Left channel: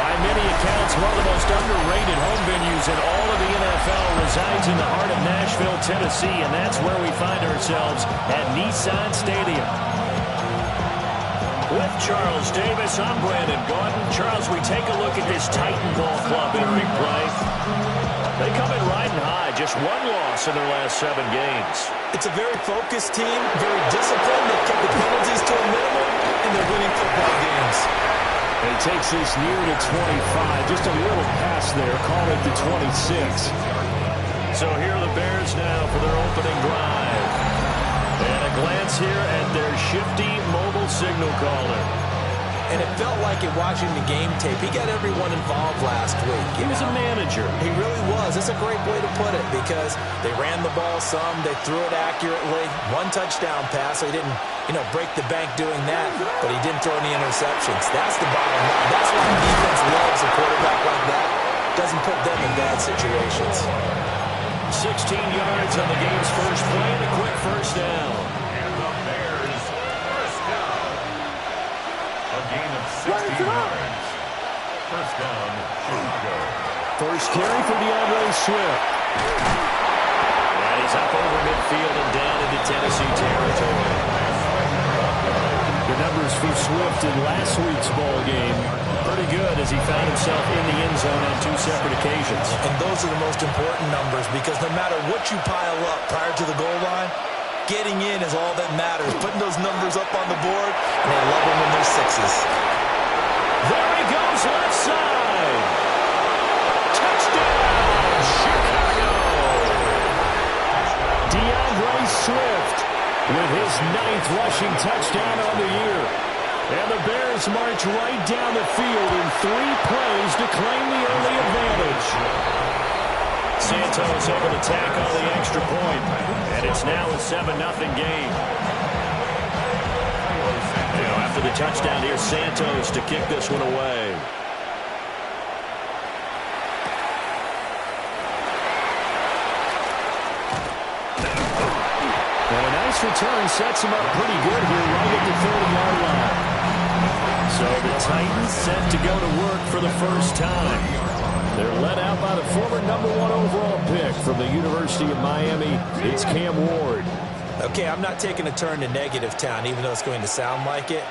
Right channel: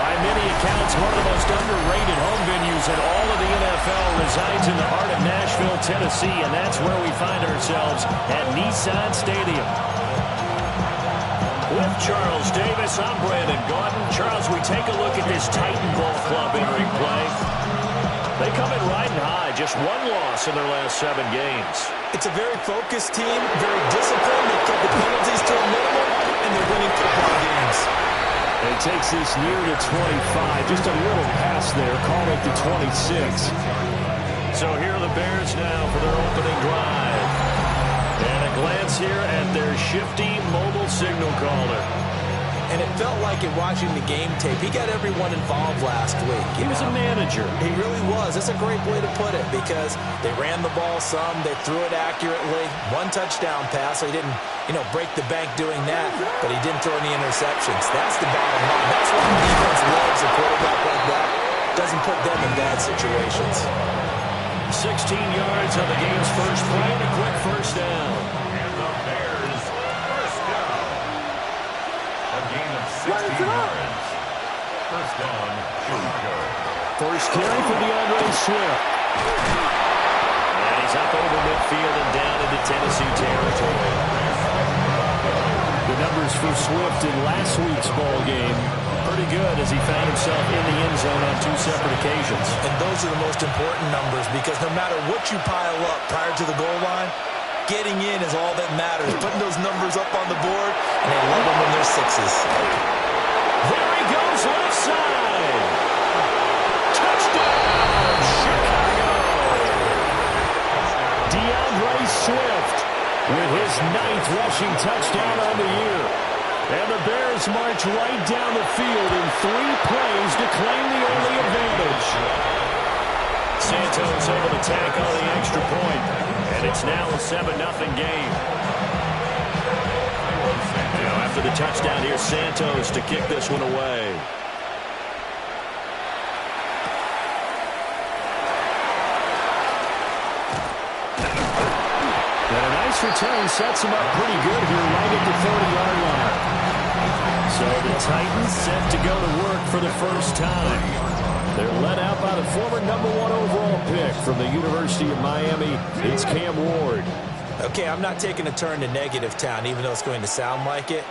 By many accounts, one of the most underrated home venues in all of the NFL resides in the heart of Nashville, Tennessee, and that's where we find ourselves at Nissan Stadium. With Charles Davis, I'm Brandon Gaudin. Charles, we take a look at this Titan Ball Club entering play. They come in riding high, just one loss in their last 7 games. It's a very focused team, very disciplined. They've kept the penalties to a minimum, and they're winning football games. And it takes this near to 25. Just a little pass there. Call it to 26. So here are the Bears now for their opening drive. And a glance here at their shifty mobile signal caller. And it felt like it watching the game tape. He got everyone involved last week. He was a manager. He really was. That's a great way to put it because they ran the ball some. They threw it accurately. 1 touchdown pass. So he didn't, break the bank doing that, but he didn't throw any interceptions. That's the bottom line. That's why defense loves a quarterback like that. Doesn't put them in bad situations. 16 yards on the game's first play and a quick first down. And the Bears first down. A gain of 16 yards. First down, Chicago. First carry for DeAndre Swift. And he's up over midfield and down into Tennessee territory. The numbers for Swift in last week's ball game, pretty good as he found himself in the end zone on 2 separate occasions. And those are the most important numbers because no matter what you pile up prior to the goal line, getting in is all that matters. Putting those numbers up on the board, and they love them when they're 6s. There he goes, left side. Touchdown, Chicago. DeAndre Swift with his 9th rushing touchdown on the year. And the Bears march right down the field in 3 plays to claim the early advantage. Santos able to tack on the extra point, and it's now a 7-0 game. After the touchdown, here's Santos to kick this one away. And a nice return sets him up pretty good here right at the 30-yard line. So the Titans set to go to work for the first time. They're led out by the former #1 overall pick from the University of Miami. It's Cam Ward. Okay, I'm not taking a turn to negative town, even though it's going to sound like it.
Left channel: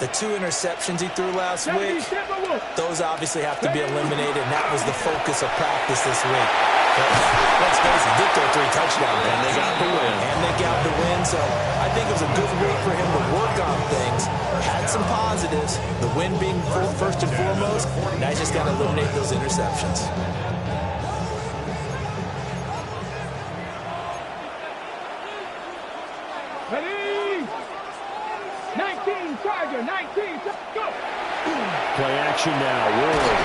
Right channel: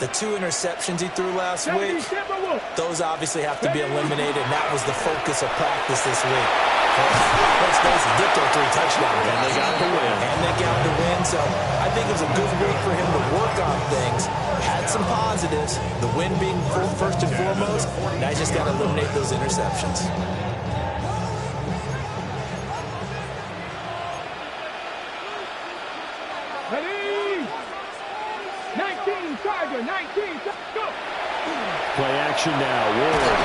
The 2 interceptions he threw last week, those obviously have to be eliminated, and that was the focus of practice this week. Let's face it, did throw 3 touchdowns. And they got the win. So I think it was a good week for him to work on things. Had some positives, the win being first and foremost. Now you just got to eliminate those interceptions. Ready? 19, Charger, 19, go! Play action now, Ward.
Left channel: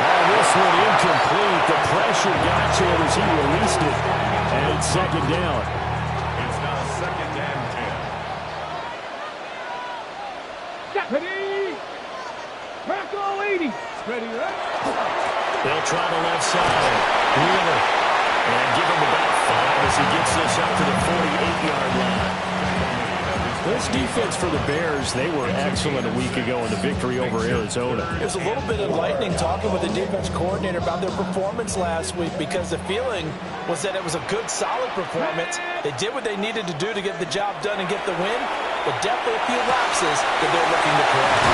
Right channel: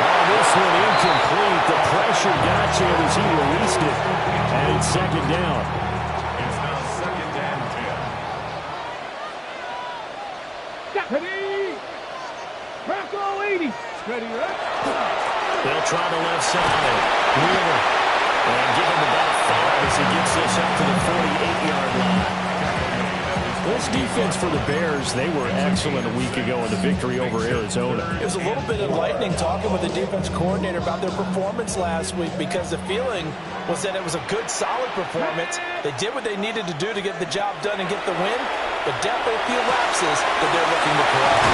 Oh, this one incomplete. The pressure got to it as he released it. And it's 2nd down. It's now 2nd and 10. Ready? Bronco 80. Ready, right? They'll try the left side. Wheeler. And give him about 5 as he gets this up to the 48-yard line. This defense for the Bears, they were excellent a week ago in the victory over Arizona. It was a little bit enlightening talking with the defense coordinator about their performance last week because the feeling was that it was a good, solid performance. They did what they needed to do to get the job done and get the win, but definitely a few lapses that they're looking to correct.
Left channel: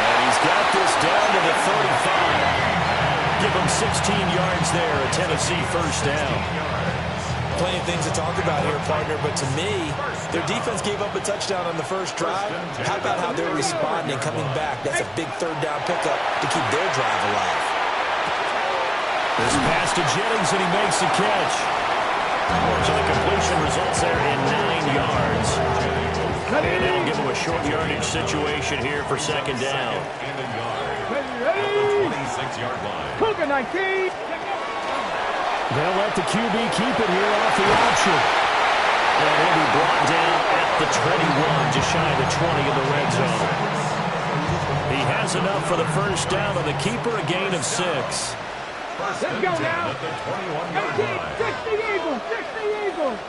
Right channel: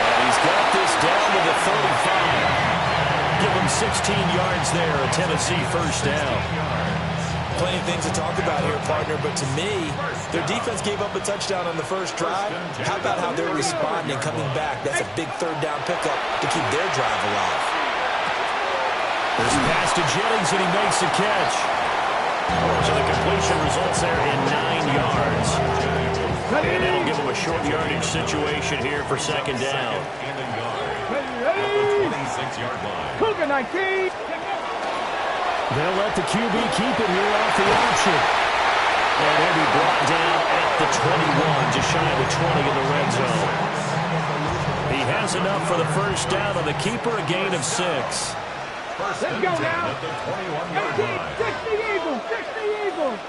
And he's got this down to the 35. Give him 16 yards there, a Tennessee first down. Plenty of things to talk about here, partner, but to me, their defense gave up a touchdown on the first drive. How about how they're responding, coming back? That's a big 3rd down pickup to keep their drive alive. This pass to Jennings, and he makes the catch. So the completion results there in 9 yards. And that'll give him a short yardage situation here for 2nd down. Ready? 26-yard line. Cougar 19. They'll let the QB keep it here off the option. And he'll be brought down at the 21, just shy of the 20 in the red zone. He has enough for the first down on the keeper, a gain of 6. First Let's go now. At the 21-yard 18, line. 60 Eagles, 60 Eagles.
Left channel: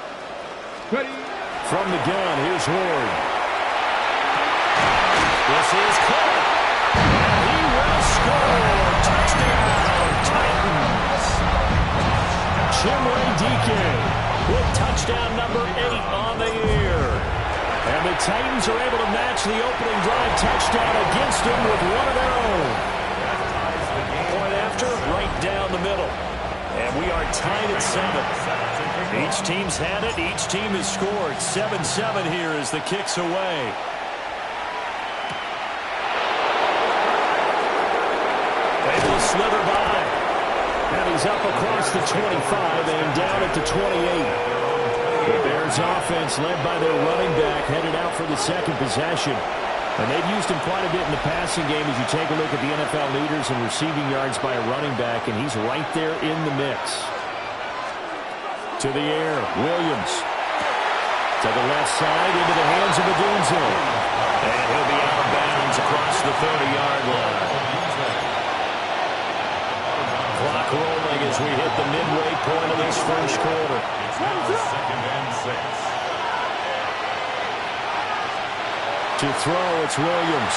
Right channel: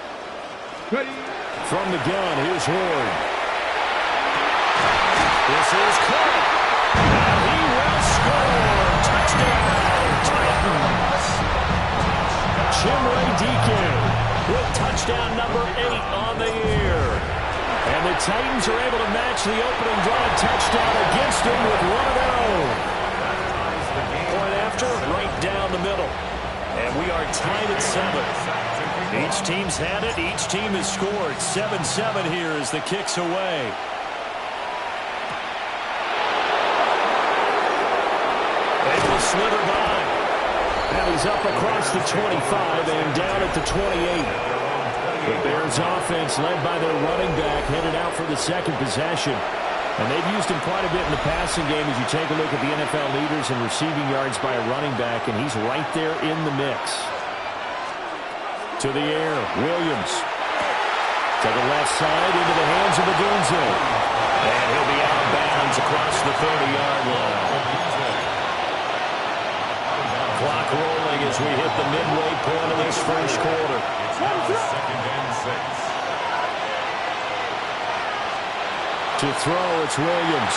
Ready? From the gun, here's Ward. This is caught. And he will score. Chimere Dike with touchdown number 8 on the year. And the Titans are able to match the opening drive touchdown against them with one of their own. Point after, right down the middle. And we are tied at 7. Each team's had it. Each team has scored. 7-7 here as the kick's away. Able to slither by. And he's up across the 25 and down at the 28. The Bears offense led by their running back headed out for the second possession. And they've used him quite a bit in the passing game as you take a look at the NFL leaders in receiving yards by a running back, and he's right there in the mix. To the air, Williams. To the left side, into the hands of Odunze. And he'll be out of bounds across the 30-yard line. Clock rolling as we hit the midway point of this first quarter. It's now 2nd and 6. To throw, it's Williams.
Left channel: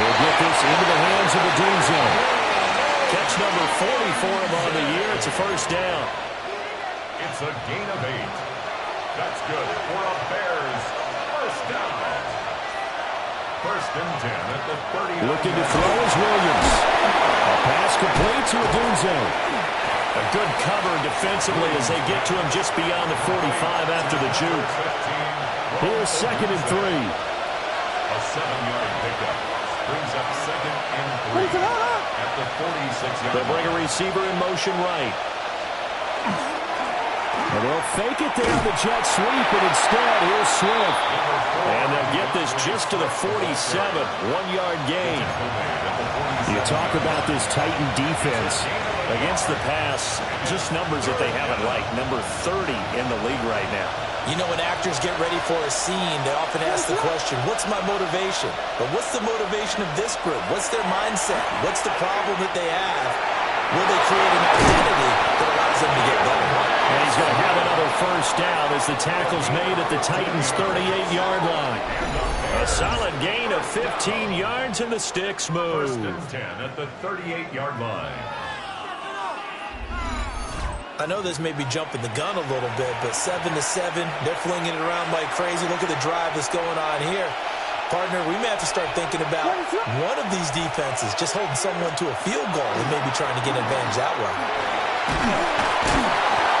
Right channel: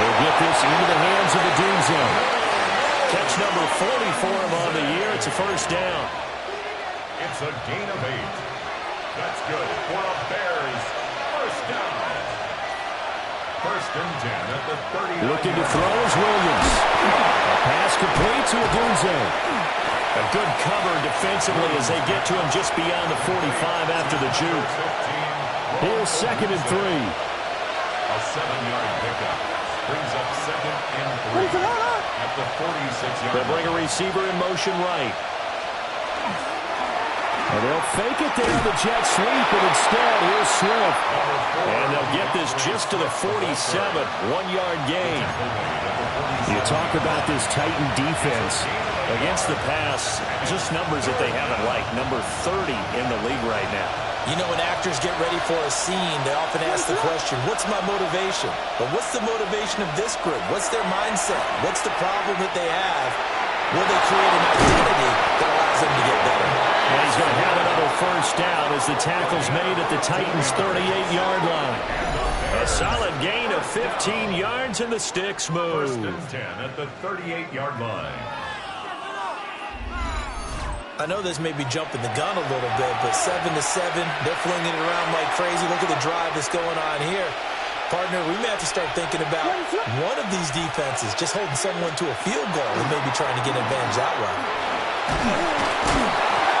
He'll get this into the hands of Odunze. Catch number 40 for him on the year. It's a first down. It's a gain of 8. That's good for a Bears first down. 1st and 10 at the 30. Looking to throw is Williams. A pass complete to Odunze. A good cover defensively as they get to him just beyond the 45 after the juke. Here's 2nd and 3. A 7-yard pickup. Brings up 2nd and 3 at the 46-yard They'll bring a receiver in motion right. And they'll fake it there on the jet sweep, and instead, here's Swift. And they'll get this just to the 47, 1-yard gain. You talk about this Titan defense. Against the pass, just numbers that they haven't liked. Number 30 in the league right now. You know, when actors get ready for a scene, they often ask the question, what's my motivation? But what's the motivation of this group? What's their mindset? What's the problem that they have? Will they create an identity that allows them to get better? And he's going to have another first down as the tackle's made at the Titans' 38-yard line. A solid gain of 15 yards and the sticks move. 1st and 10 at the 38-yard line. I know this may be jumping the gun a little bit, but 7-7, they're flinging it around like crazy. Look at the drive that's going on here. Partner, we may have to start thinking about one of these defenses just holding someone to a field goal and maybe trying to get an advantage that way.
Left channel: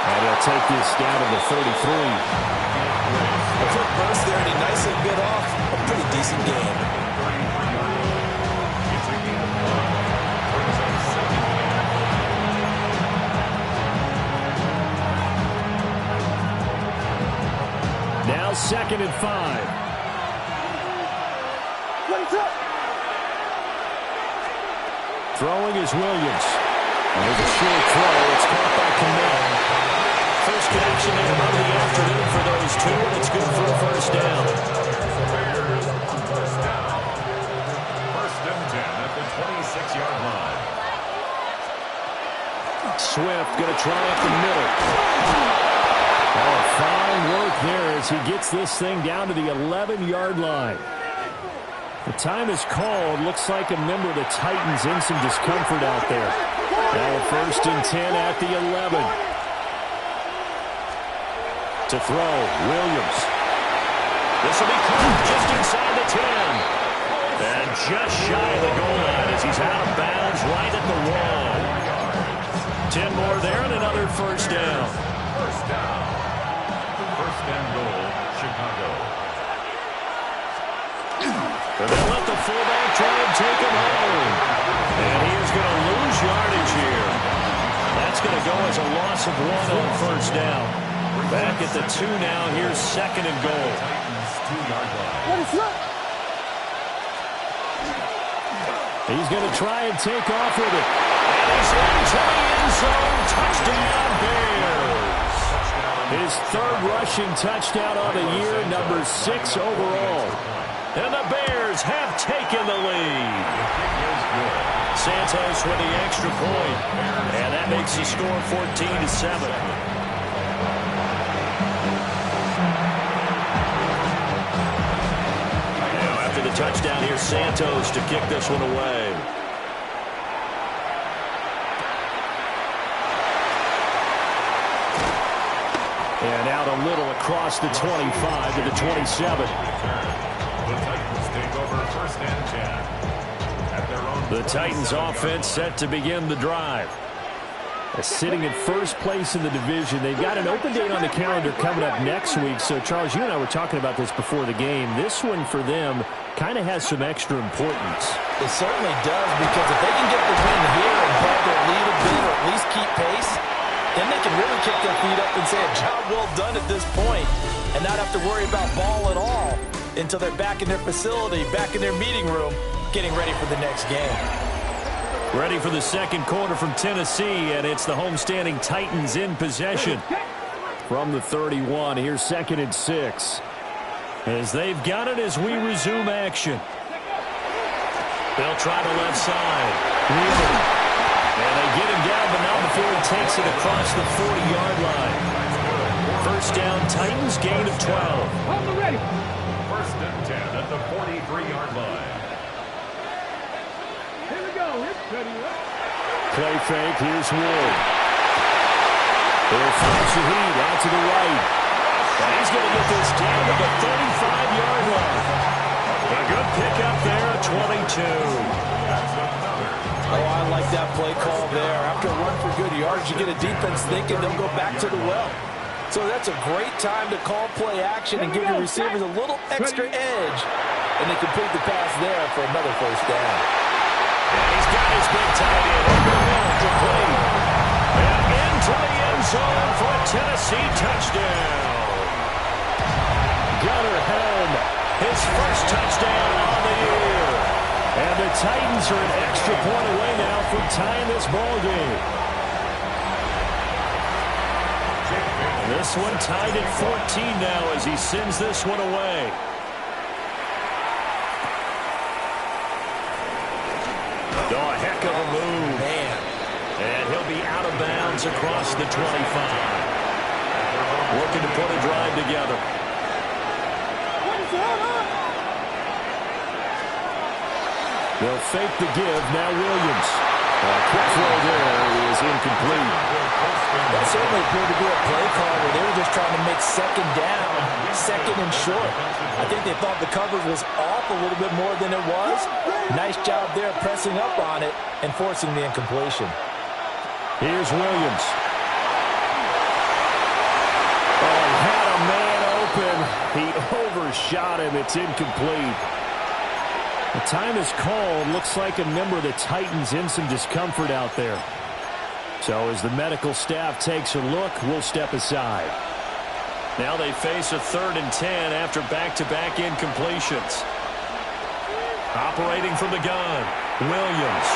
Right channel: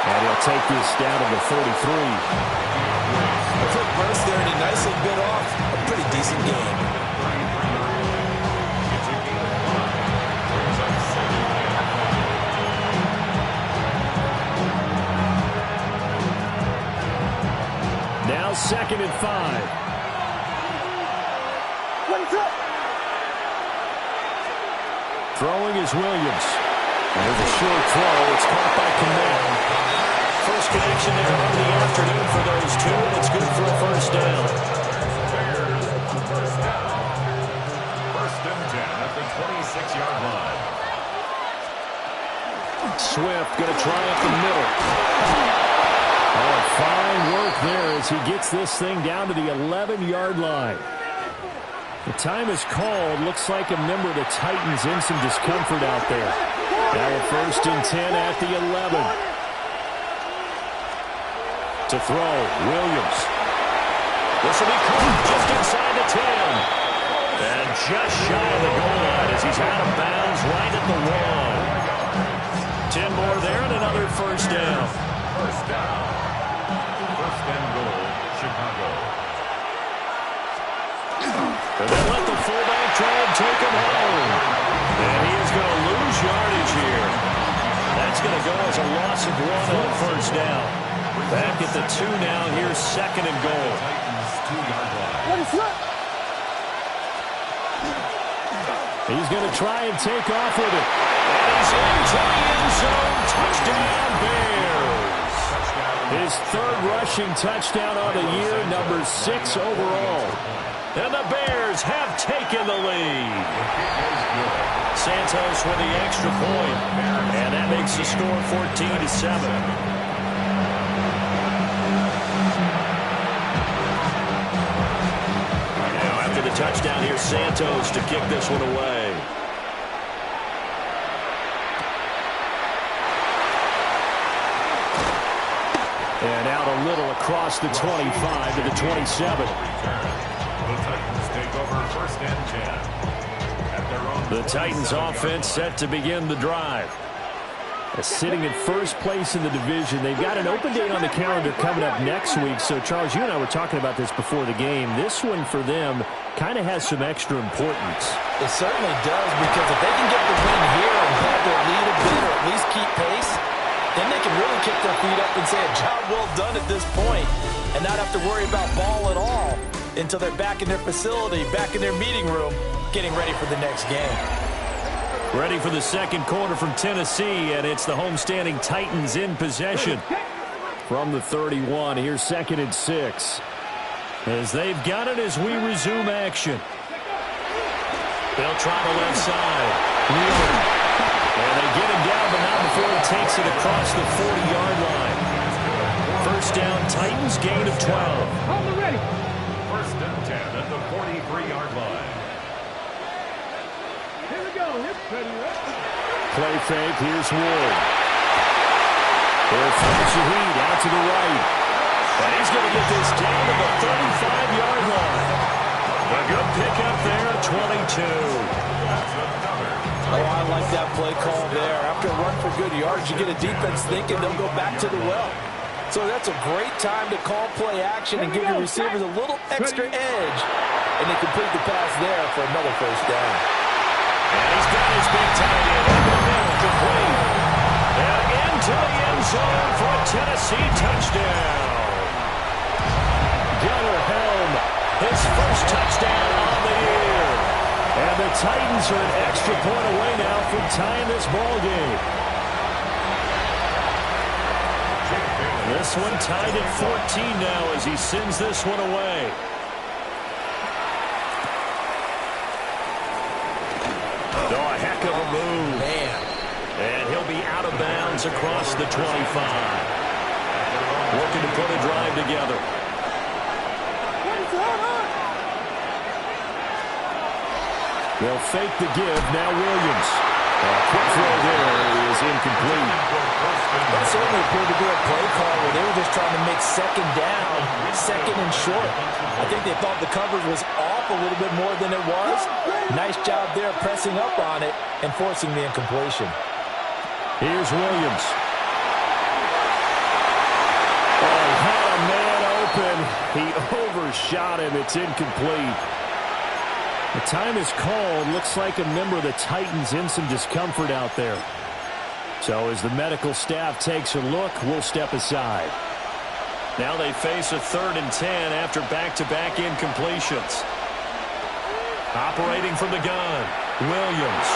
And he'll take this down to the 33. A quick burst there, and he nicely bit off a pretty decent game. It's a gain of 5. Brings up 2nd and 5. Now 2nd and 5. Throwing is Williams. And there's a short throw. It's caught by Kmet. First connection there of the afternoon for those two, and it's good for a first down. Bears first down. 1st and 10 at the 26-yard line. Swift going to try up the middle. Oh, fine work there as he gets this thing down to the 11-yard line. The time is called. Looks like a member of the Titans in some discomfort out there. Now a 1st and 10 at the 11. To throw, Williams. This will be caught just inside the 10. And just shy of the goal line as he's out of bounds right at the 1. 10 more there and another first down. First down. 1st and goal, Chicago. And they let the fullback try and take him home. And he is going to lose yardage here. That's going to go as a loss of 1 on first down. Back at the 2 now. Here's 2nd and goal. Titans 2-yard line. He's going to try and take off with it. And he's into the end zone. Touchdown, Bears. His 3rd rushing touchdown on the year, number 6 overall. And the Bears have taken the lead. Santos with the extra point. And that makes the score 14-7. Now after the touchdown, here's Santos to kick this one away. And out a little across the 25 to the 27. The Titans take over 1st and 10. At their own The Titans offense set to begin the drive. Sitting at first place in the division. They've got an open date on the calendar coming up next week. So, Charles, you and I were talking about this before the game. This one for them kind of has some extra importance. It certainly does, because if they can get the win here and pad their lead a bit or at least keep pace, then they can really kick their feet up and say a job well done at this point and not have to worry about ball at all until they're back in their facility, back in their meeting room, getting ready for the next game. Ready for the second quarter from Tennessee, and it's the homestanding Titans in possession. From the 31, here's 2nd and 6. As they've got it as we resume action. They'll try the left side. Wheeler. And they get him down, but not before he takes it across the 40-yard line. First down, Titans, gain of 12. On the ready. 1st and 10 at the 43-yard line. Here we go. Ready. Play fake. Here's Ward. He'll throw Shaheed out to the right. And he's going to get this down to the 35-yard line. A good pickup there at 22. That's another. Oh, I like that play call there. After a run for good yards, you get a defense thinking they'll go back to the well. So that's a great time to call play action and give your receivers a little extra edge. And they complete the pass there for another first down. And he's got his big tight end over the middle, complete. And into the end zone for a Tennessee touchdown. Gunnar Helm, his first touchdown on the year. And the Titans are an extra point away now from tying this ball game. This one tied at 14 now as he sends this one away. Oh, a heck of a move. Man. And he'll be out of bounds across the 25. Looking to put a drive together. They'll fake the give. Now Williams. A quick throw there is incomplete. That certainly appeared to be a play call where they were just trying to make second down, second and short. I think they thought the coverage was off a little bit more than it was. Nice job there pressing up on it and forcing the incompletion. Here's Williams. Oh, he had a man open. He overshot him. It's incomplete. The time is called. Looks like a member of the Titans in some discomfort out there. So as the medical staff takes a look, we'll step aside. Now they face a 3rd and 10 after back-to-back incompletions. Operating from the gun, Williams.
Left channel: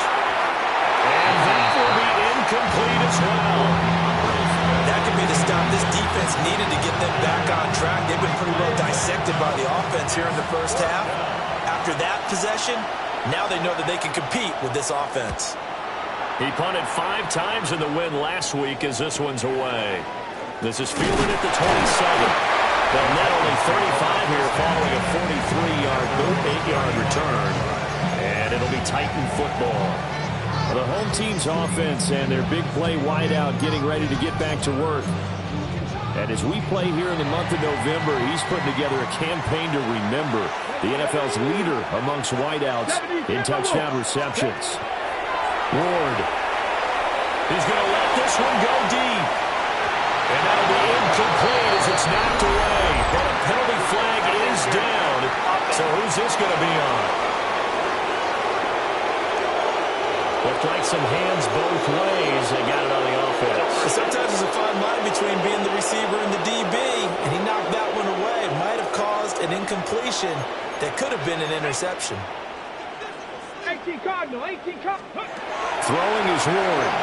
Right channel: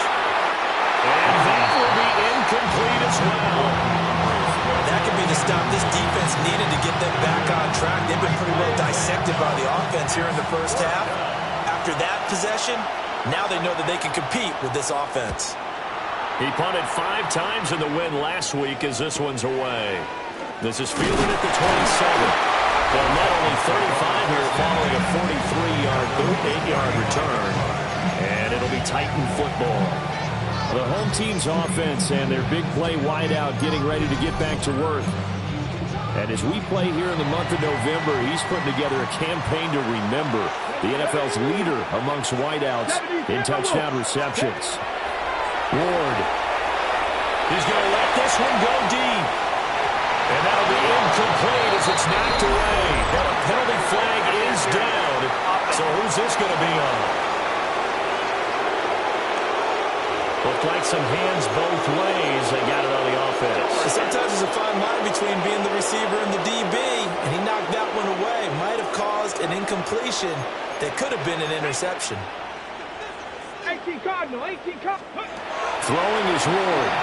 And that will be incomplete as well. That could be the stop this defense needed to get them back on track. They've been pretty well dissected by the offense here in the first half. After that possession, now they know that they can compete with this offense. He punted 5 times in the win last week as this one's away. This is fielded at the 27. They'll net only 35 here following a 43-yard boot, 8-yard return. And it'll be Titan football. The home team's offense and their big play wideout getting ready to get back to work. And as we play here in the month of November, he's putting together a campaign to remember the NFL's leader amongst wideouts in touchdown receptions. Ward. He's going to let this one go deep. And that'll be incomplete as it's knocked away. But a penalty flag is down. So who's this going to be on? Looked like some hands both ways. They got it on the offense. Sometimes there's a fine line between being the receiver and the DB, and he knocked that one away. Might have caused an incompletion that could have been an interception. 18 Cardinal, 18 Cardinal. Throwing is Ward.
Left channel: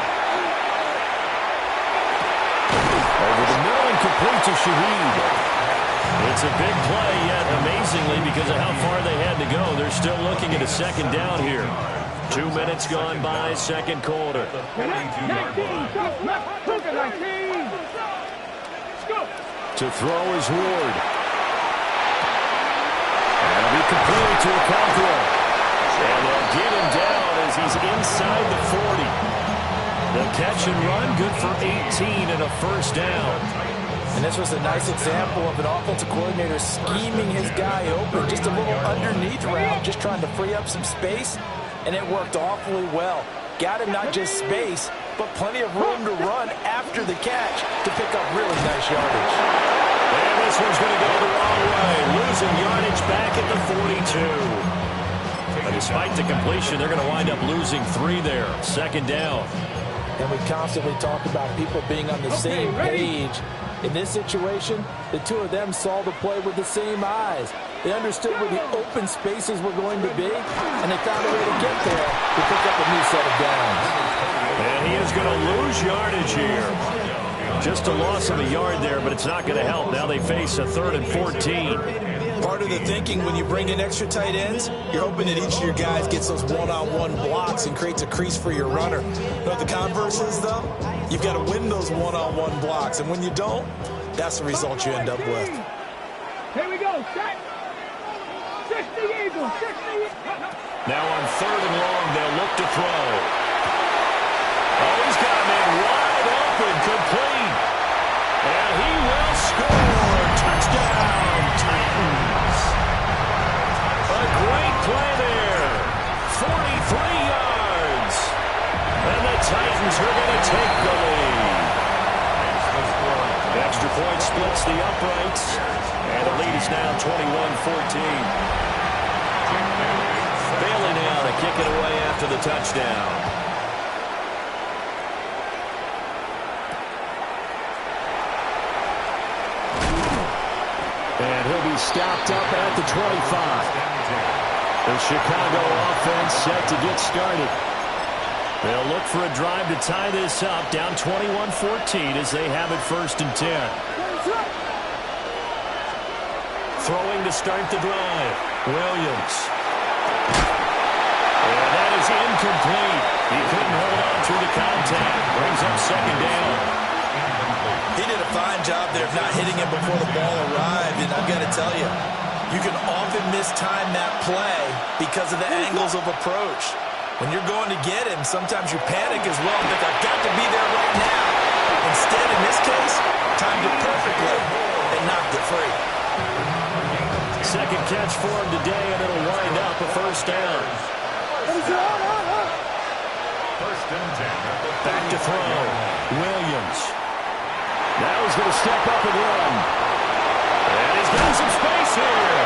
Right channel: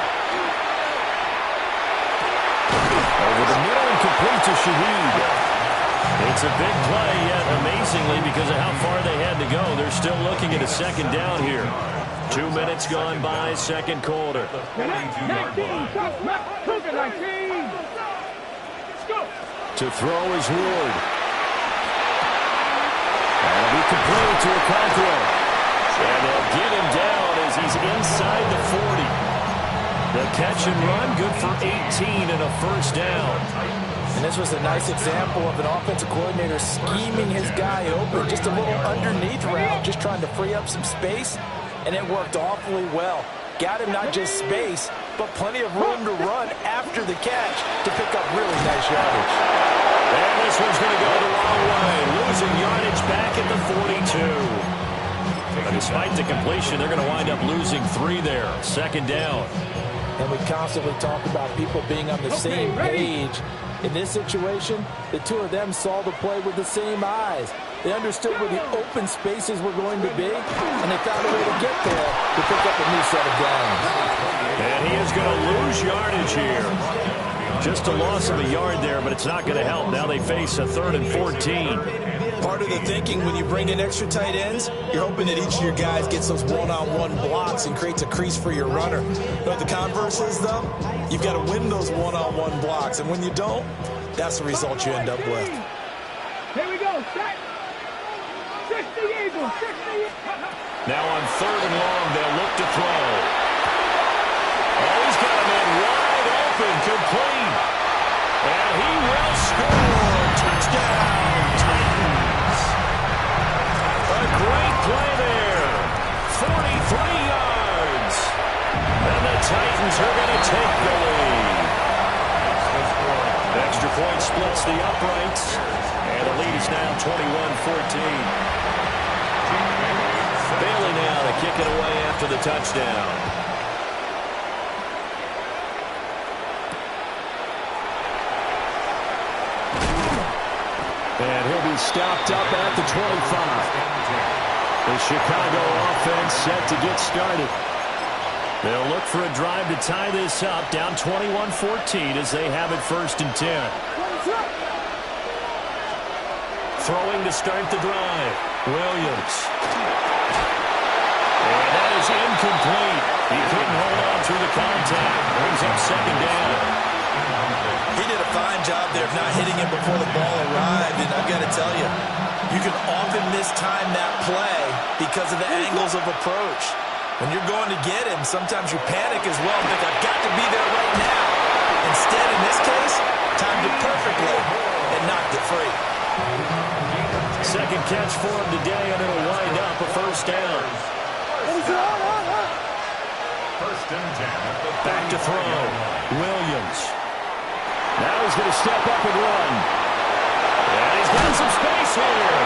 Over the middle and complete to Shaheed. It's a big play, yet amazingly, because of how far they had to go, they're still looking at a second down here. 2 minutes gone by, second quarter. 19, 19. To throw is Ward. That'll be complete to Alcantara. And they'll get him down as he's inside the 40. The catch and run, good for 18 and a first down. And this was a nice example of an offensive coordinator scheming his guy open. Just a little underneath route, just trying to free up some space, and it worked awfully well. Got him not just space, but plenty of room to run after the catch to pick up really nice yardage. And this one's going to go the wrong way, losing yardage back at the 42. But despite the completion, they're going to wind up losing 3 there. Second down. And we constantly talk about people being on the same page. In this situation, the two of them saw the play with the same eyes. They understood where the open spaces were going to be, and they found a way to get there to pick up a new set of downs. And he is going to lose yardage here. Just a loss of a yard there, but it's not going to help. Now they face a 3rd and 14. Part of the thinking when you bring in extra tight ends, you're hoping that each of your guys gets those one-on-one blocks and creates a crease for your runner. But the converse is, though, you've got to win those one-on-one blocks. And when you don't, that's the result you end up with. Here we go. Set. 60 Eagles. 60. Now on 3rd and long, they'll look to throw. Oh, he's got a man wide open, complete. And he will score. Touchdown, Titans. A great play there. 43 yards. And the Titans are going to take the lead. Extra point splits the uprights. And the lead is now 21-14. Bailey now to kick it away after the touchdown. And he'll be stopped up at the 25. The Chicago offense set to get started. They'll look for a drive to tie this up, down 21-14 as they have it 1st and 10. Throwing to start the drive. Williams. And that is incomplete. He couldn't hold on through the contact. Brings up 2nd down. He did a fine job there of not hitting him before the ball arrived, and I've got to tell you, you can often mistime that play because of the angles of approach. When you're going to get him, sometimes you panic as well and think, I've got to be there right now. Instead, in this case, timed it perfectly and knocked it free. Second catch for him today, and it'll wind up a 1st down. 1st and 10. Back to throw. Williams. Now he's going to step up and run. And he's got some space here.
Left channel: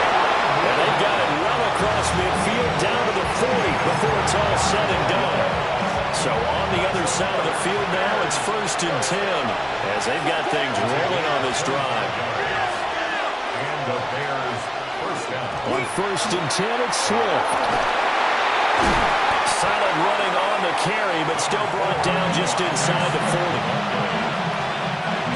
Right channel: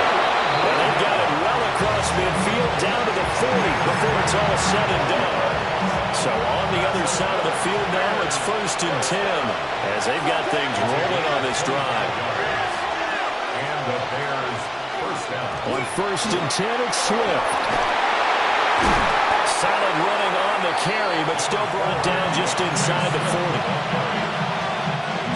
And they've got it well across midfield down to the 40 before it's all said and done. So on the other side of the field now, it's 1st and 10 as they've got things rolling on this drive. And the Bears 1st down. On 1st and 10, it's Swift. Solid running on the carry, but still brought down just inside the 40.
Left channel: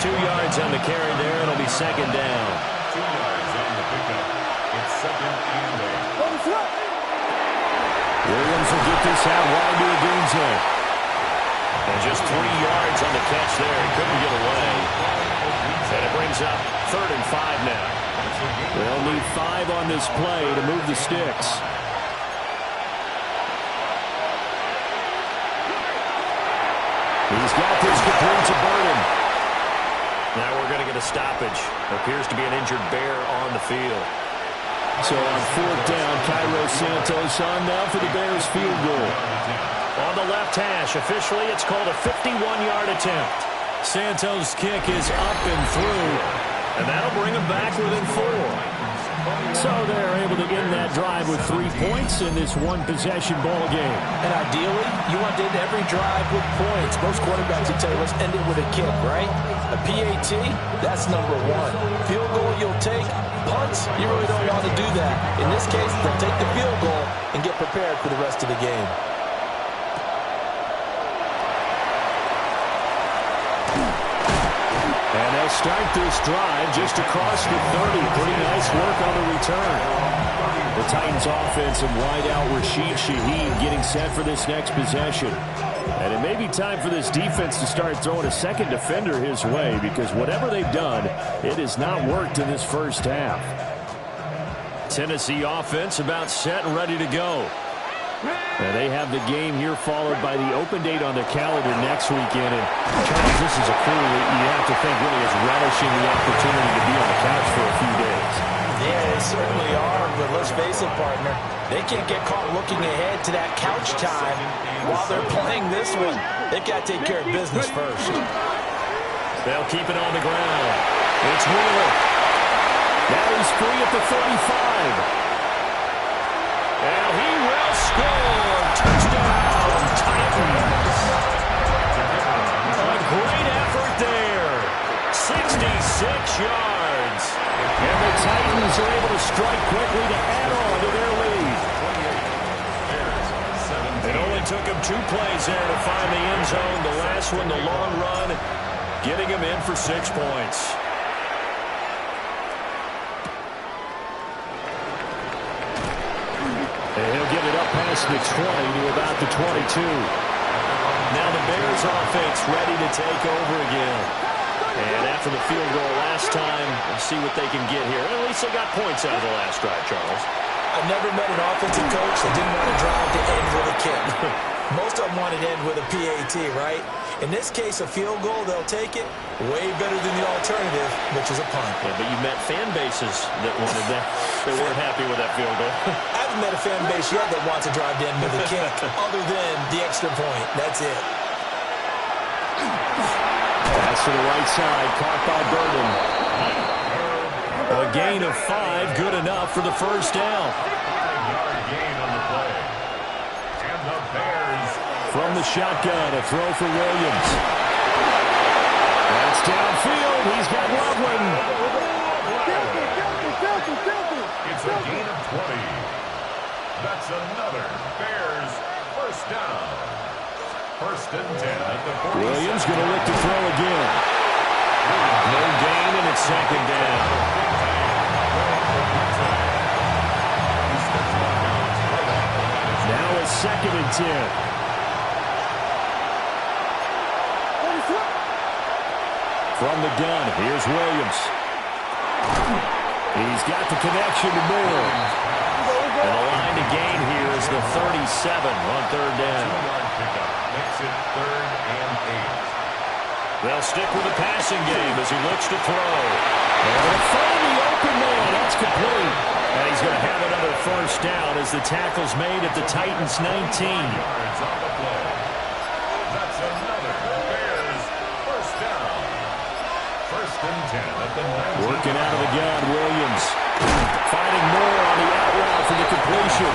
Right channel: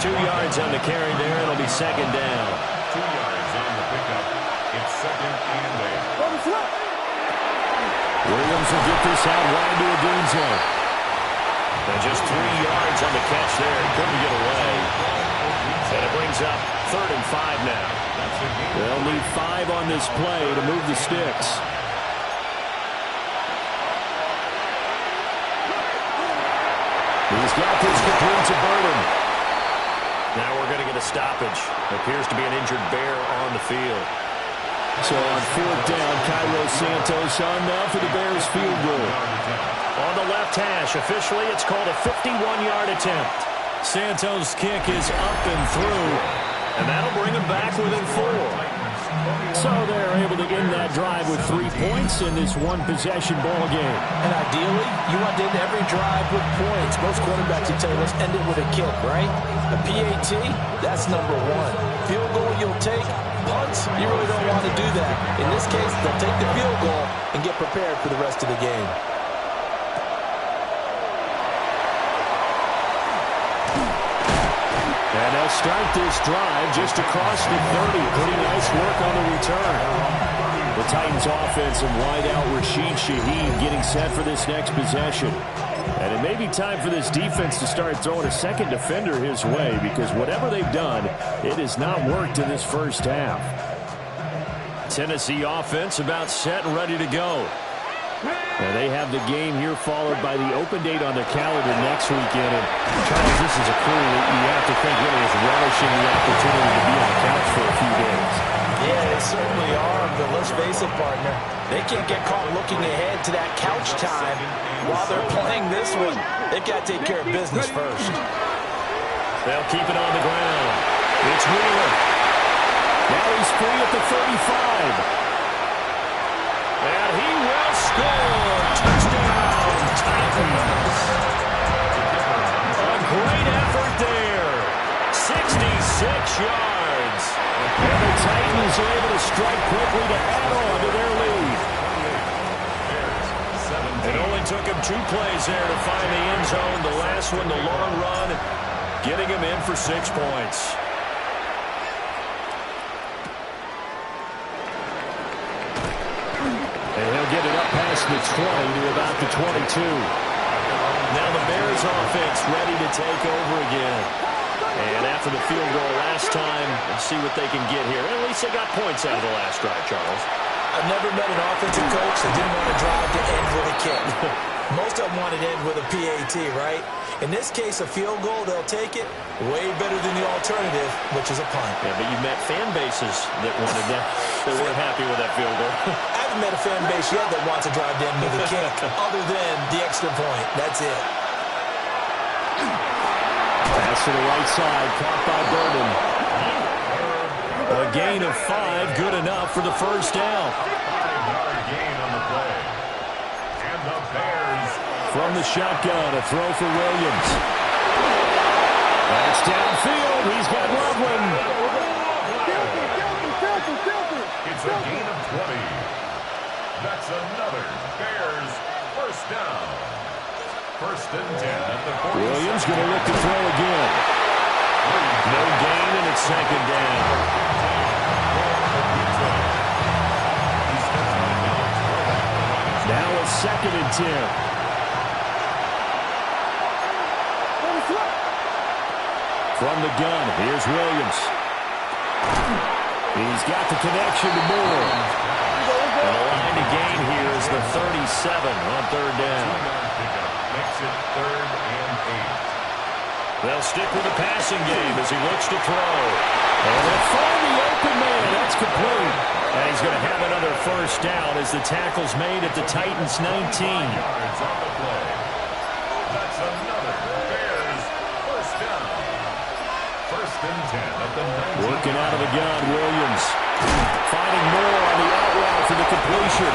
2 yards on the carry there. It'll be 2nd down. 2 yards on the pickup. It's 2nd and 8. Williams will get this out wide to Odunze. And just 3 yards on the catch there. He couldn't get away. And it brings up 3rd and 5 now. They'll need 5 on this play to move the sticks. He's got this complete to Burton. Now we're going to get a stoppage. Appears to be an injured Bear on the field. So on 4th down, Cairo Santos on now for the Bears field goal. On the left hash, officially it's called a 51-yard attempt. Santos' kick is up and through, and that'll bring them back within 4. So they're able to end that drive with 3 points in this one-possession ball game. And ideally, you want to end every drive with points. Most quarterbacks will tell you, let's end it with a kick, right? A PAT, that's number 1. Field goal you'll take. Punts, you really don't want to do that. In this case, they'll take the field goal and get prepared for the rest of the game. And they'll start this drive just across the 30. Pretty nice work on the return. The Titans offensive wideout Rashid Shaheed getting set for this next possession. And it may be time for this defense to start throwing a second defender his way, because whatever they've done, it has not worked in this first half. Tennessee offense about set and ready to go. And they have the game here followed by the open date on their calendar next weekend. And, Charles, this is a crew that you have to think really is relishing the opportunity to be on the couch for a few days. Yeah, they certainly are, but let's face it, partner. They can't get caught looking ahead to that couch time while they're playing this one. They've got to take care of business first. They'll keep it on the ground. It's Wheeler. Now he's free at the 35. And he will score. Touchdown, Titans. A great effort there. 66 yards. And the Titans are able to strike quickly to add on to their lead. It only took him 2 plays there to find the end zone. The last one, the long run, getting him in for 6 points. And he'll get it up past the 20 to about the 22. Now the Bears offense ready to take over again. And after the field goal last time, let's see what they can get here. At least they got points out of the last drive, Charles. I've never met an offensive coach that didn't want to drive to end with a kick. Most of them want to end with a PAT, right? In this case, a field goal, they'll take it. Way better than the alternative, which is a punt. Yeah, but you met fan bases that wanted that. They weren't happy with that field goal. I haven't met a fan base yet that wants to drive to end with a kick, other than the extra point. That's it. Pass to the right side, caught by Burden. A gain of 5, good enough for the first down. 5-yard gain on the play. And the Bears. From the shotgun, a throw for Williams. That's downfield. He's got Loveland. It's a gain of 20. That's another Bears first down. First and 10 at the 40. Williams going to look to throw again. No gain, and it's second down. Now a second and 10. From the gun, here's Williams. He's got the connection to Moore. And the line to gain here is the 37 on third down. 2-yard pickup makes it 3rd and 8. They'll stick with the passing game as he looks to throw. And they'll find the open man. That's complete. And he's going to have another first down as the tackle's made at the Titans' 19. 5 yards on the play. That's another Bears first down. First and 10 at the 19. Working out of the gun, Williams. Finding Moore on the out route for the completion.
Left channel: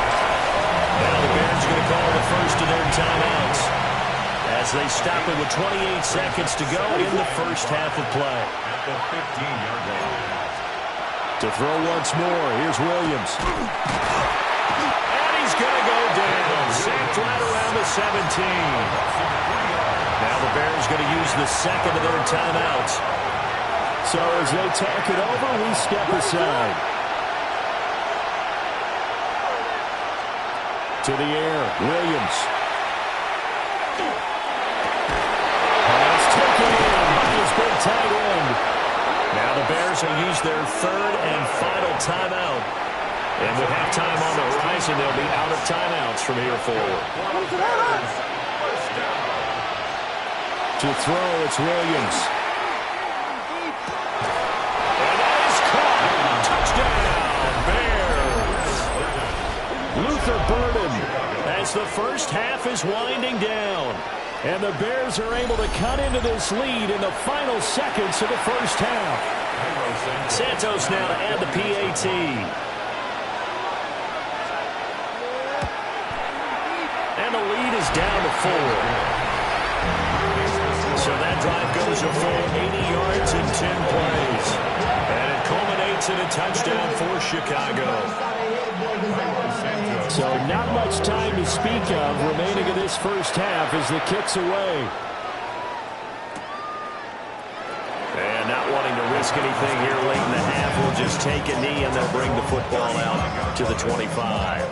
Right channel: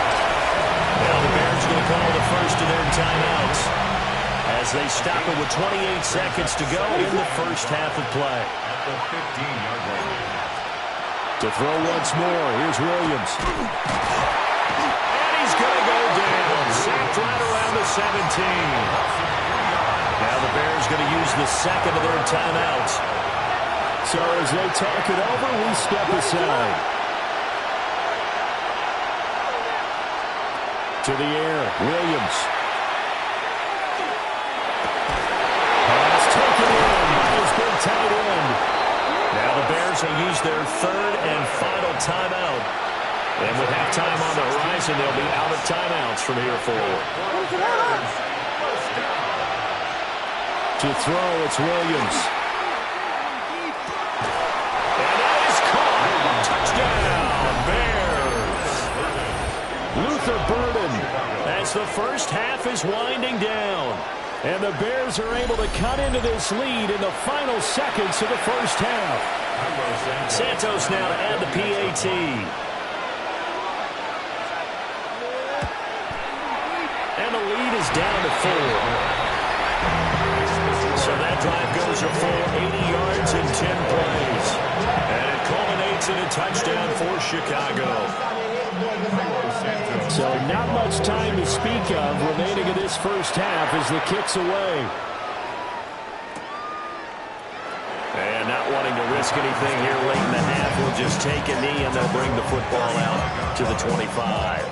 Now the Bears are going to call the first of their timeouts as they stop it with 28 seconds to go in the first half of play. At the 15-yard line. To throw once more, here's Williams. And he's going to go down. Sacked right around the 17. Now the Bears going to use the second of their timeouts. So as they talk it over, we step aside. To the air, Williams. Pass taken in by his big tight end. Now the Bears will use their third and final timeout. And with halftime on the horizon, they'll be out of timeouts from here forward. To throw, it's Williams. And that is caught. Touchdown, Bears. Luther Burden as the first half is winding down. And the Bears are able to cut into this lead in the final seconds of the first half. Santos now to add the PAT. And the lead is down to 4. So that drive goes a full 80 yards in 10 plays. And it culminates in a touchdown for Chicago. So not much time to speak of remaining in this first half as the kick's away. And not wanting to risk anything here late in the half, we'll just take a knee and they'll bring the football out to the 25.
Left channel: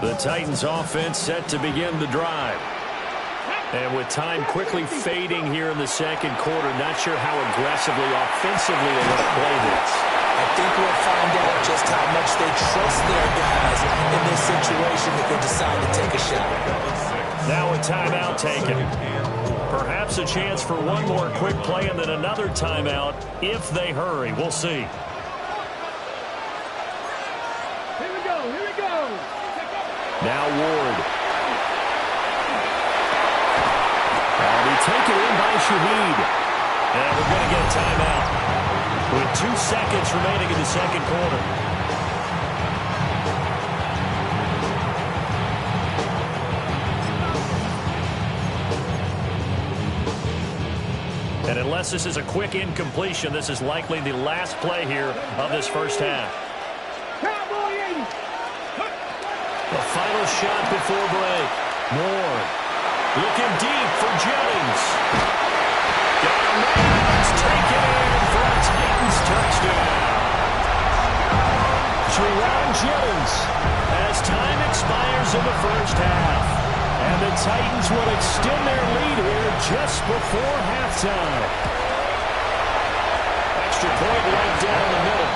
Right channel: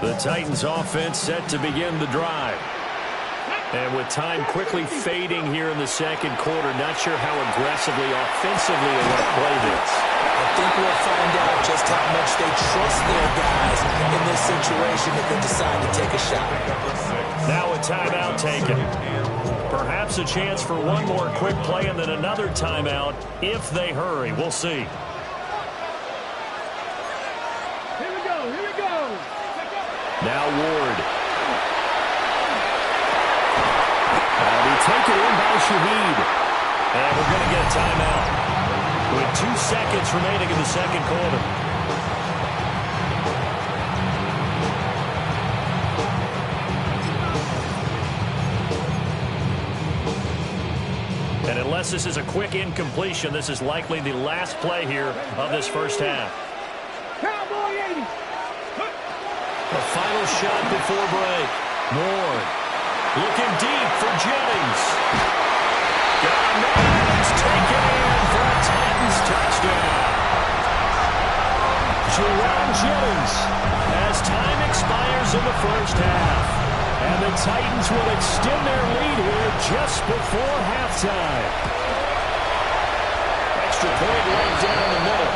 The Titans offense set to begin the drive. And with time quickly fading here in the second quarter, not sure how aggressively, offensively they want to play this. I think we'll find out just how much they trust their guys in this situation if they decide to take a shot. Now a timeout taken. Perhaps a chance for one more quick play and then another timeout if they hurry. We'll see. Here we go. Here we go. Now Ward. That'll be taken in by Shaheed. And we're going to get a timeout with 2 seconds remaining in the second quarter. And unless this is a quick incompletion, this is likely the last play here of this first half. Cowboy 80. The final shot before break. Ward looking deep for Jennings. Got a man. It's taken in for a Titans touchdown. Jauan Jennings as time expires in the first half. And the Titans will extend their lead here just before halftime. Extra point right down the middle.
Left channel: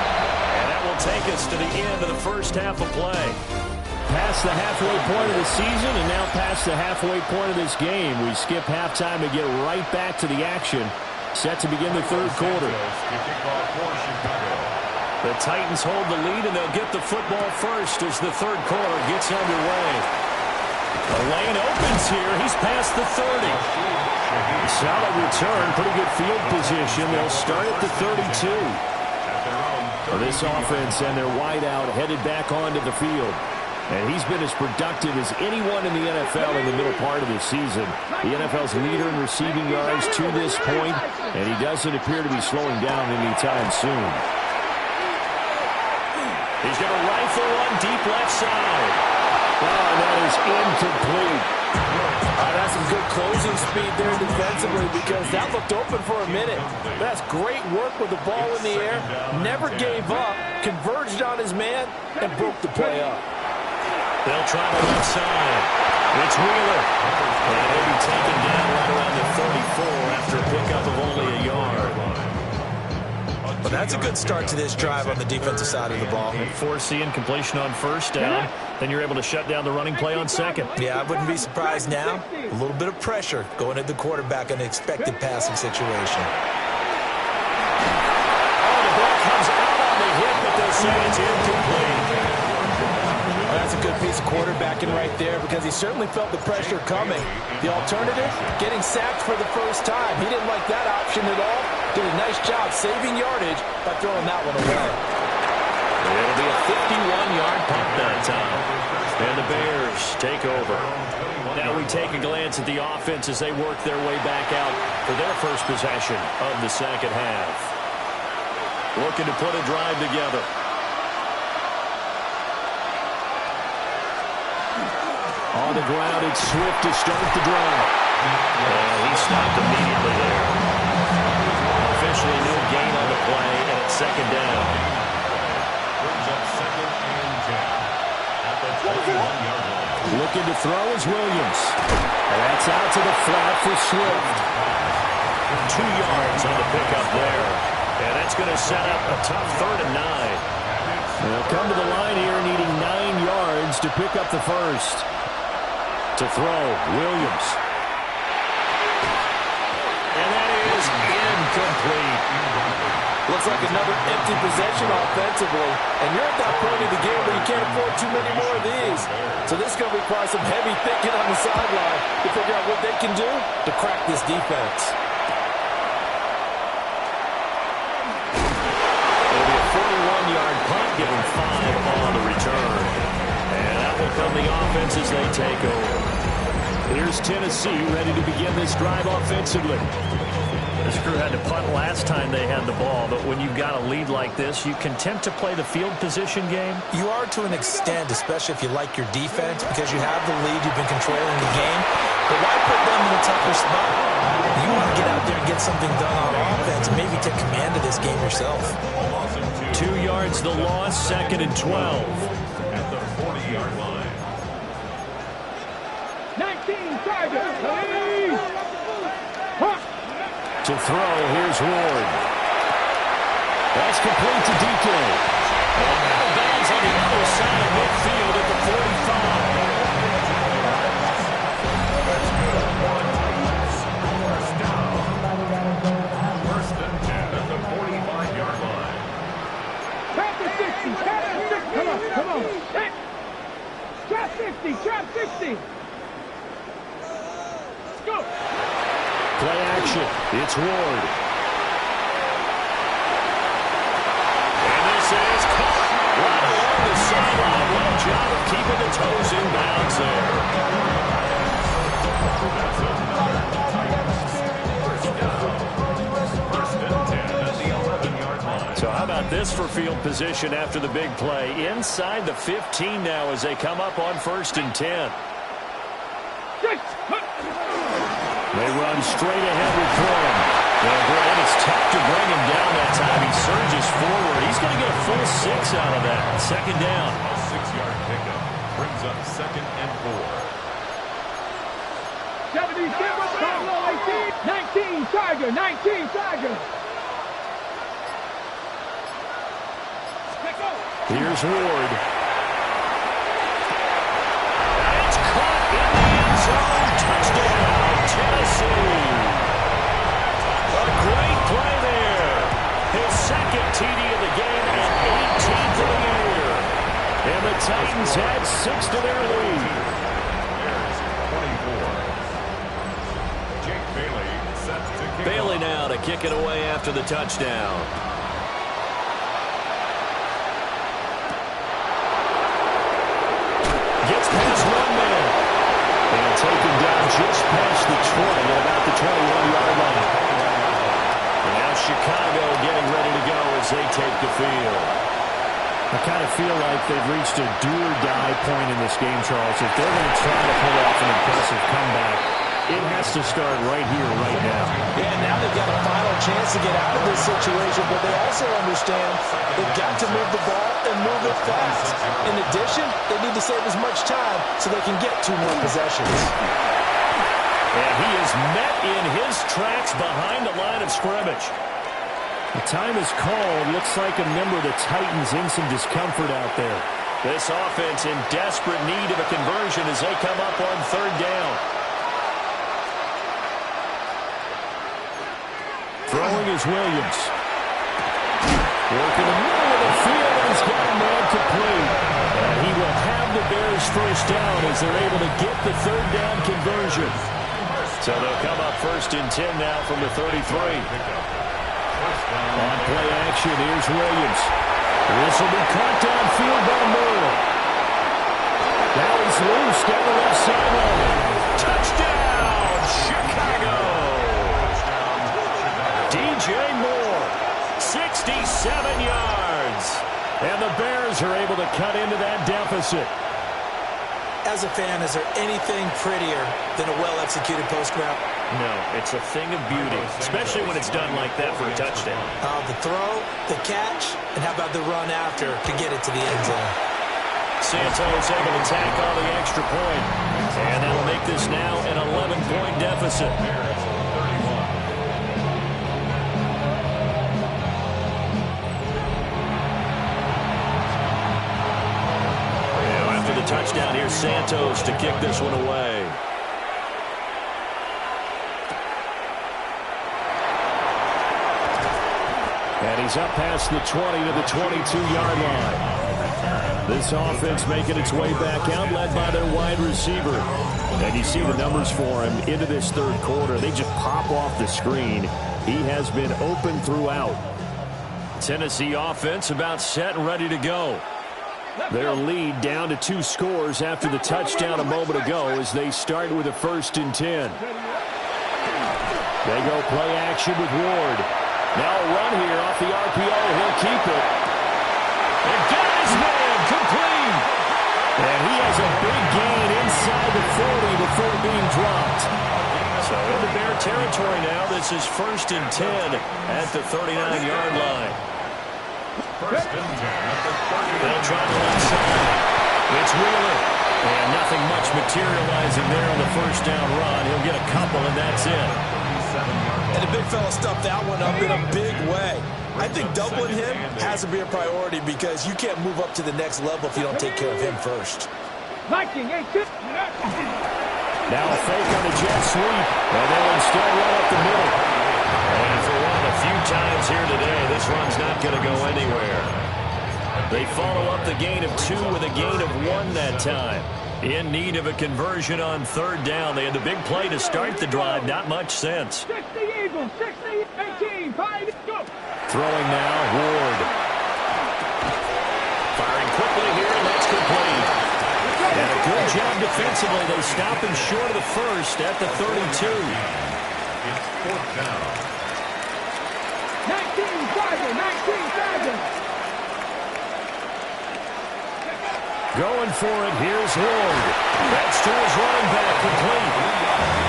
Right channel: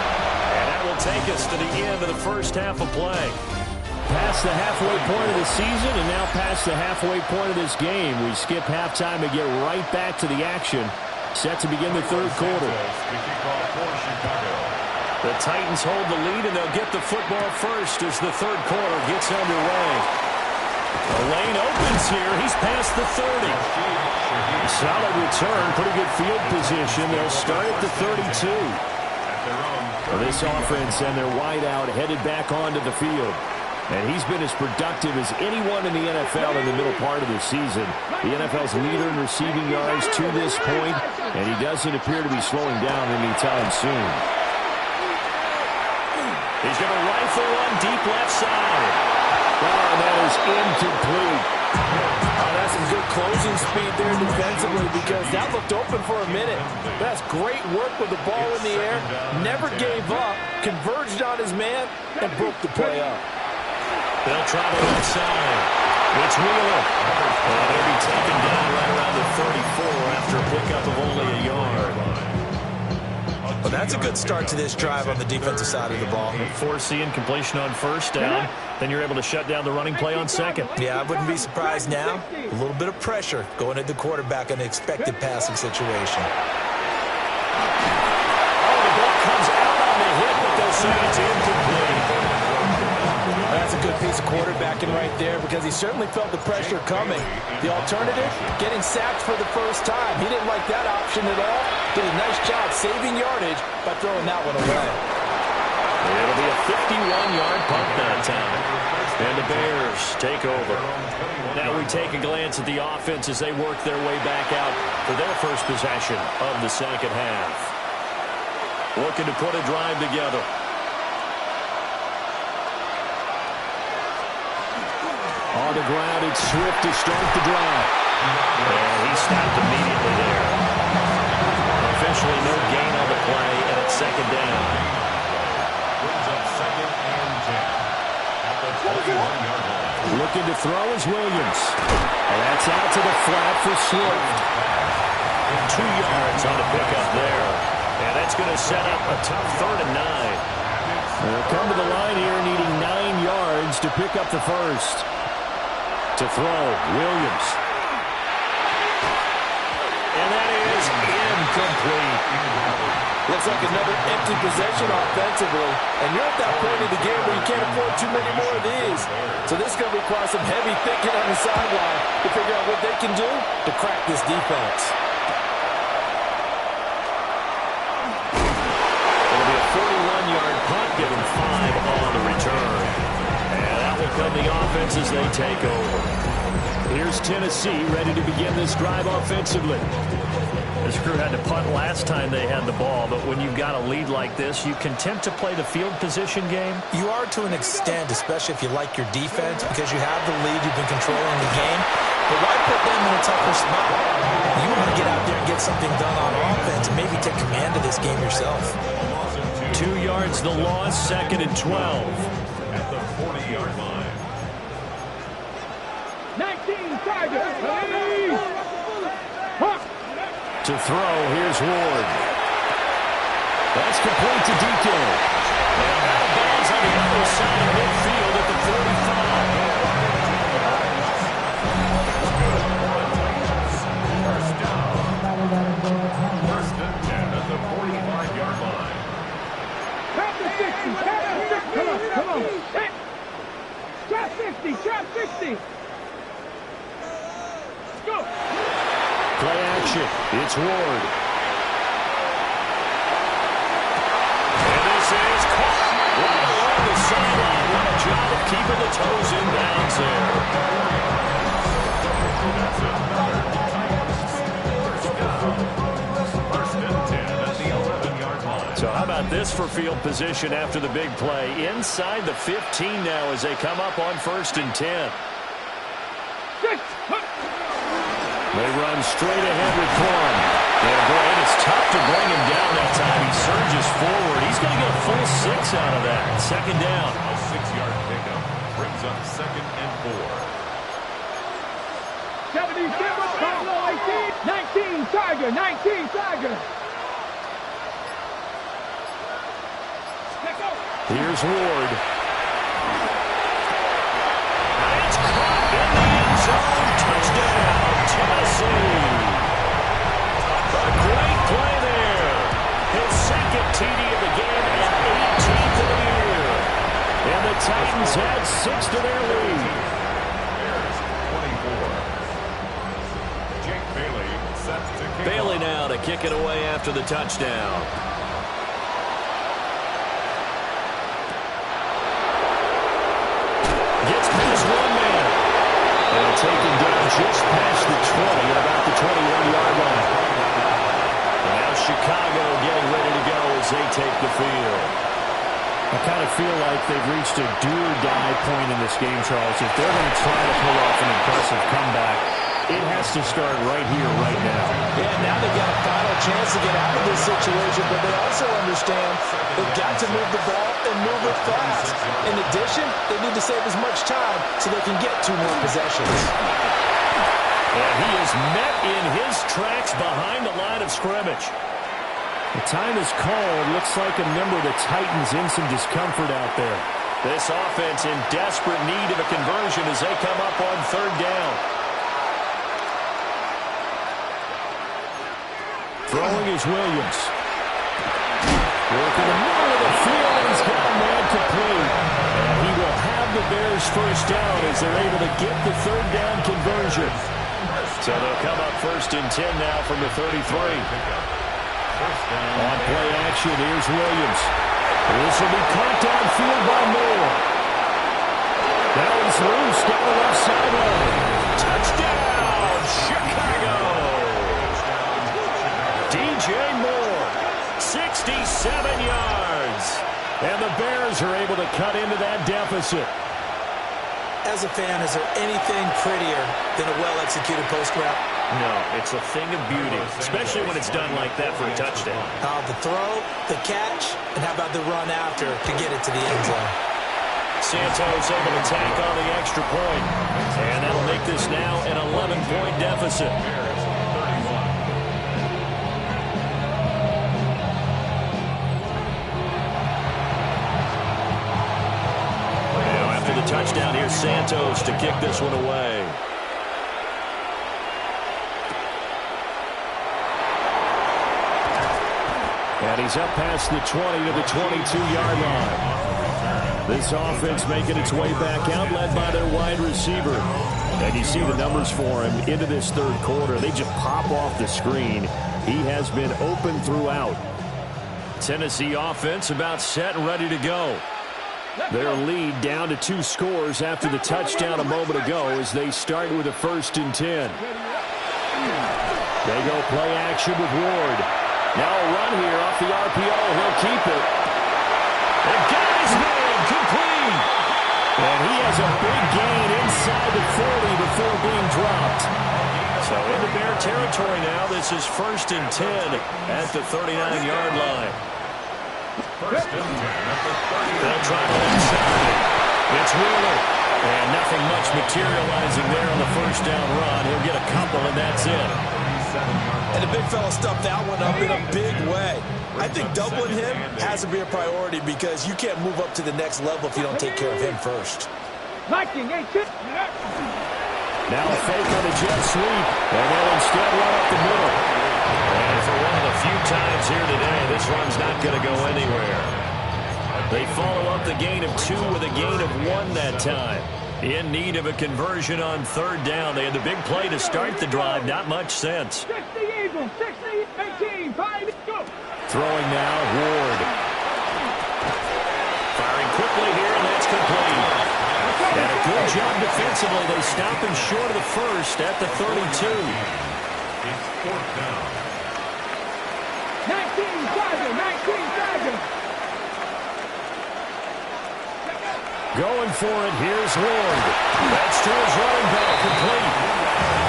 And that will take us to the end of the first half of play. Past the halfway point of the season and now past the halfway point of this game. We skip halftime and get right back to the action. Set to begin the third quarter. The Titans hold the lead and they'll get the football first as the third quarter gets underway. The lane opens here. He's past the 30. Solid return. Pretty good field position. They'll start at the 32. This offense and their wideout headed back onto the field. And he's been as productive as anyone in the NFL in the middle part of the season. The NFL's leader in receiving yards to this point, and he doesn't appear to be slowing down anytime soon. He's going to rifle one deep left side. Oh, and that is incomplete. That's some good closing speed there defensively because that looked open for a minute. That's great work with the ball in the air. Never gave up, converged on his man, and broke the play up. They'll try the left side. It's Wheeler. And he'll be taken down right around the 34 after a pickup of only a yard. Well, that's a good start to this drive on the defensive side of the ball. Force the incompletion on first down. Then you're able to shut down the running play on second. Yeah, I wouldn't be surprised now. A little bit of pressure going at the quarterback in an expected passing situation. Oh, the ball comes out on the hit, but they'll say it's incomplete. That's a good piece of quarterbacking right there because he certainly felt the pressure coming. The alternative, getting sacked for the first time. He didn't like that option at all. Did a nice job saving yardage by throwing that one away. It'll be a 51-yard punt that time. And the Bears take over. Now we take a glance at the offense as they work their way back out for their first possession of the second half. Looking to put a drive together. On the ground, it's Swift to start the drive. And he stopped immediately there. Officially no gain on the play, and it's second down. Brings up 2nd and 10 at the 21-yard line. Looking to throw is Williams. And that's out to the flat for Swift. 2 yards on the pickup there. And that's going to set up a tough 3rd and 9. They'll come to the line here needing 9 yards to pick up the first. To throw, Williams. And that is incomplete. Looks like another empty possession offensively. And you're at that point in the game where you can't afford too many more of these. So this is going to require some heavy thinking on the sideline to figure out what they can do to crack this defense. It'll be a 41-yard punt, give them 5 on the return. And that will come the offense as they take over. Here's Tennessee ready to begin this drive offensively. This crew had to punt last time they had the ball, but when you've got a lead like this, you content to play the field position game? You are to an extent, especially if you like your defense, because you have the lead, you've been controlling the game. But why put them in a tougher spot? You want to get out there and get something done on offense and maybe take command of this game yourself. 2 yards the loss, 2nd and 12. At the 40-yard line. 19 Tigers. Hey! To throw, here's Ward. That's complete to DK. And out of bounds on the other side of midfield at the 45. First and 10 at the 45-yard line. Trap the 60. Trap the 60. Come on. Hey. Trap 50. Trap 60. Let's go. Play action. It's Ward. And this is caught right along the sideline. What a job of keeping the toes in bounds there. That's another Titans first down. First and 10 at the 11-yard line. So how about this for field position after the big play? Inside the 15 now as they come up on first and 10. They run straight ahead with Corum. And boy, it is tough to bring him down that time. He surges forward. He's going to get a full 6 out of that. Second down. A 6-yard pickup brings up second and 4. 70, 18, 19, Tiger, 19, Tiger. Let's go. Here's Ward. And it's caught in the end zone. Touchdown, Tennessee. A great play there. His second TD of the game and 18th of the year. And the Titans add 6 to their lead. Bears 24. Jake Bailey set to kick Bailey off. now to kick it away after the touchdown. Gets past one man. And taken down just past the 20 at about the 21-yard line. And now Chicago getting ready to go as they take the field. I kind of feel like they've reached a do-or-die point in this game, Charles. If they're going to try to pull off an impressive comeback, it has to start right here, right now. Yeah, now they've got a final chance to get out of this situation, but they also understand they've got to move the ball and move it fast. In addition, they need to save as much time so they can get 2 more possessions. And he is met in his tracks behind the line of scrimmage. The time is called. Looks like a member of the Titans in some discomfort out there. This offense in desperate need of a conversion as they come up on third down. Throwing is Williams. Working the middle of the field, and he's got a man complete. And he will have the Bears first down as they're able to get the third down conversion. So they'll come up first and 10 now from the 33. On play action, here's Williams. This will be caught downfield by Moore. Now he's loose down the left sideline. Touchdown, Chicago! DJ Moore, 67 yards. And the Bears are able to cut into that deficit. As a fan, is there anything prettier than a well-executed post route? No, it's a thing of beauty, especially when it's done like that for a touchdown. The throw, the catch, and how about the run after to get it to the end zone? Santos able to tack on the extra point. And that'll make this now an 11-point deficit. The touchdown here, Santos to kick this one away. And he's up past the 20 to the 22-yard line. This offense making its way back out, led by their wide receiver. And you see the numbers for him into this third quarter. They just pop off the screen. He has been open throughout. Tennessee offense about set and ready to go. Their lead down to 2 scores after the touchdown a moment ago as they start with a first and 10. They go play action with Ward. Now a run here off the RPO. He'll keep it. And got his man complete. And he has a big gain inside the 40 before being dropped. So into Bear territory now. This is first and 10 at the 39-yard line. First and 10 at the 30. They'll try to inside. It's Wheeler. And nothing much materializing there on the first down run. He'll get a couple, and that's it. 7-yard line. And the big fella stuffed that one up in a big way. I think doubling him has to be a priority because you can't move up to the next level if you don't take care of him first. Viking, Now a fake on the jet sweep, and they'll instead run up the middle. And for one of the few times here today, this run's not going to go anywhere. They follow up the gain of 2 with a gain of 1 that time. In need of a conversion on 3rd down. They had the big play to start the drive. Not much sense. 60 Eagles, 60, 18, 5, go. Throwing now, Ward. Firing quickly here, and that's complete. And a good job defensively. They stop him short of the first at the 32. It's 4th down. 19-7. Going for it, here's Ward. That's to his running back, complete.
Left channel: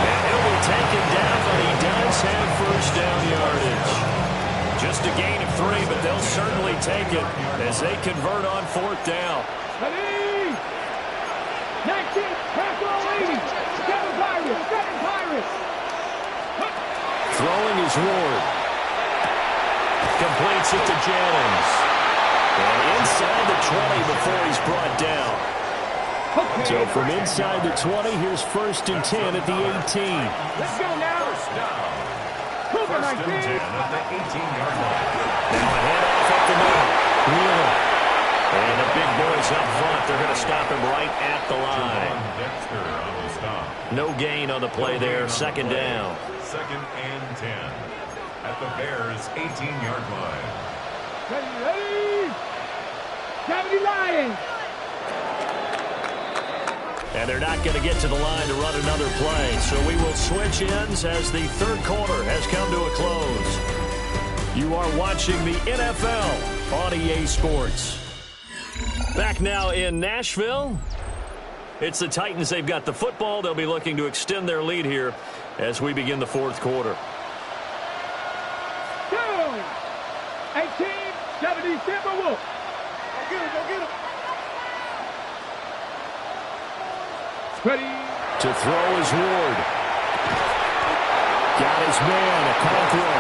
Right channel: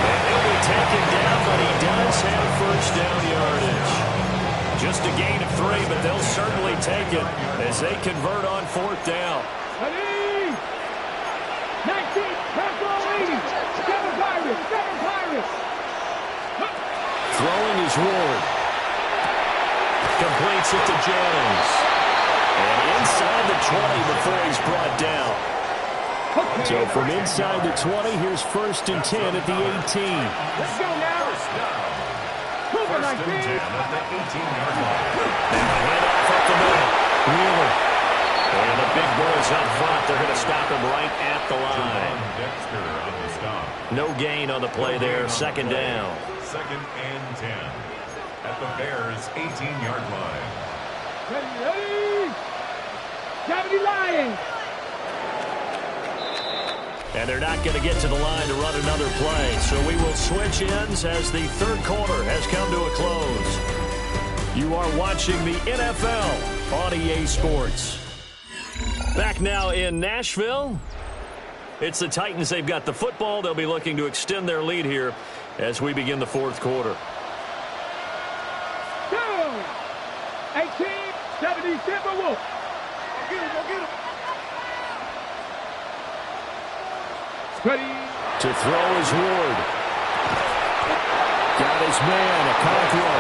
And he'll be taken down, but he does have first down yardage. Just a gain of 3, but they'll certainly take it as they convert on 4th down. 19, Paco 80, 7 Pirates. Throwing is Ward. Completes it to Jennings. And inside the 20 before he's brought down. So from inside the 20, here's 1st and 10 at the 18. Let's go now. First down. Cooper 1st and 10 19. at the 18-yard line. Now a handoff up the middle. Wheeler. And the big boys up front. They're going to stop him right at the line. Javon Dexter on the stop. No gain on the play there. 2nd down. 2nd and 10 at the Bears' 18-yard line. Ready. 70 Lions. And they're not going to get to the line to run another play. So we will switch ends as the 3rd quarter has come to a close. You are watching the NFL on EA Sports. Back now in Nashville. It's the Titans. They've got the football. They'll be looking to extend their lead here as we begin the 4th quarter. 18, 70 Timberwolves. Go get him. Ready. To throw is Ward. Got his man, Okonkwo.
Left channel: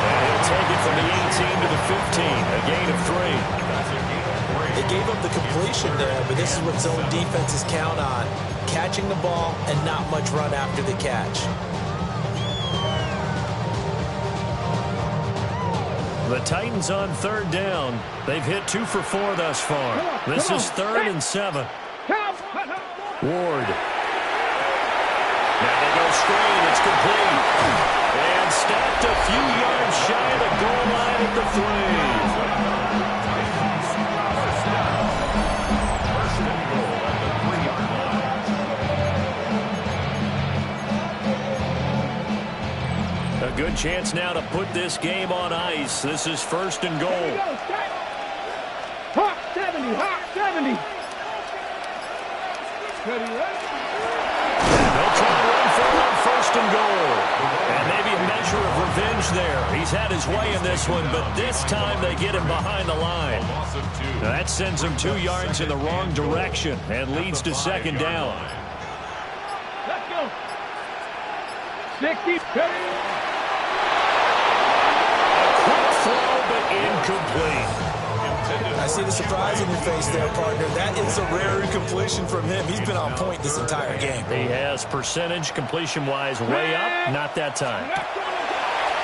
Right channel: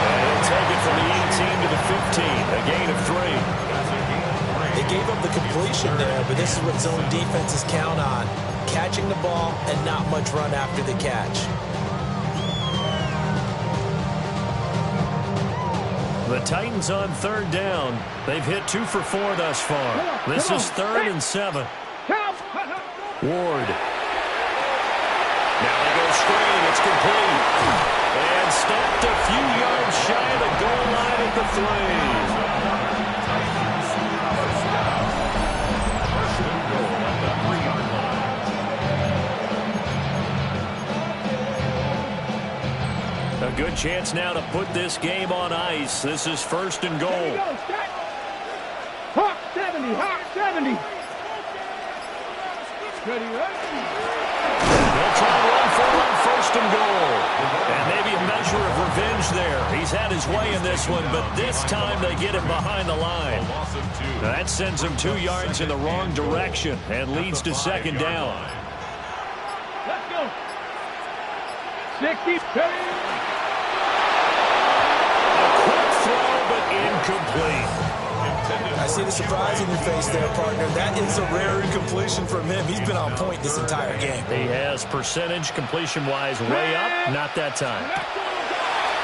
And he'll take it from the 18 to the 15. A gain of 3. That's a gain of 3. They gave up the completion there, but this is what zone defenses count on. Catching the ball and not much run after the catch. The Titans on 3rd down. They've hit 2 for 4 thus far. This is 3rd and 7. Ward. Now they go screen. It's complete. And stopped a few yards shy of the goal line at the 3. First down. 1st and goal at the 3-yard line. A good chance now to put this game on ice. This is 1st and goal. Hawk 70. Ready. They'll try and run for it on 1st and goal. And maybe a measure of revenge there. He's had his way in this one, but this time they get him behind the line. A loss of 2. Now that sends him 2 yards in the wrong direction and leads to 2nd down. Let's go. 60. A quick throw, but incomplete. I see the surprise in your face there, partner. That is a rare incompletion from him. He's been on point this entire game. He has percentage completion-wise way up. Not that time.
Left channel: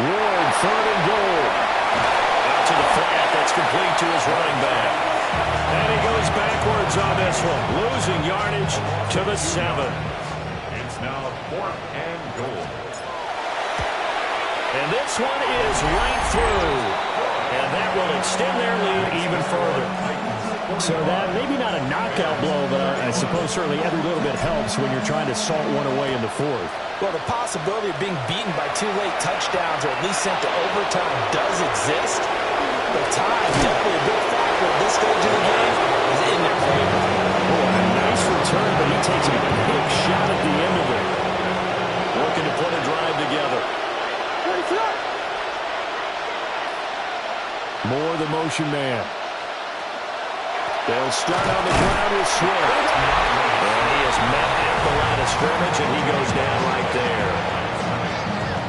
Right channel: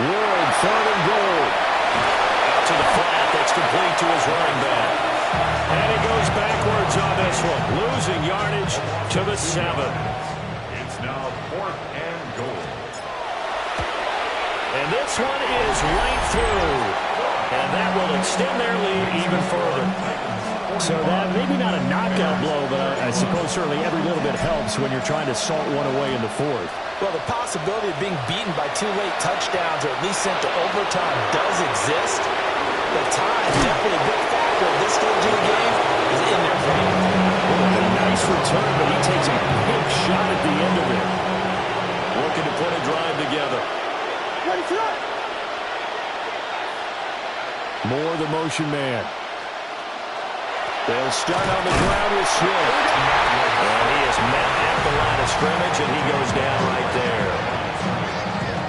Ward, 3rd and goal. Out to the flat. That's complete to his running back. And he goes backwards on this one. Losing yardage to the 7. It's now 4th and goal. And this one is right through. And that will extend their lead even further. So that maybe not a knockout blow, but I suppose certainly every little bit helps when you're trying to salt one away in the 4th. Well, the possibility of being beaten by 2 late touchdowns or at least sent to overtime does exist. But time, definitely a big factor at this stage of the game, is in their favor. Oh, a nice return, but he takes a big shot at the end of it. Looking to put a drive together. Ready for that. Moore, the motion man. They'll start on the ground with Swift. And he is met at the line of scrimmage, and he goes down right there.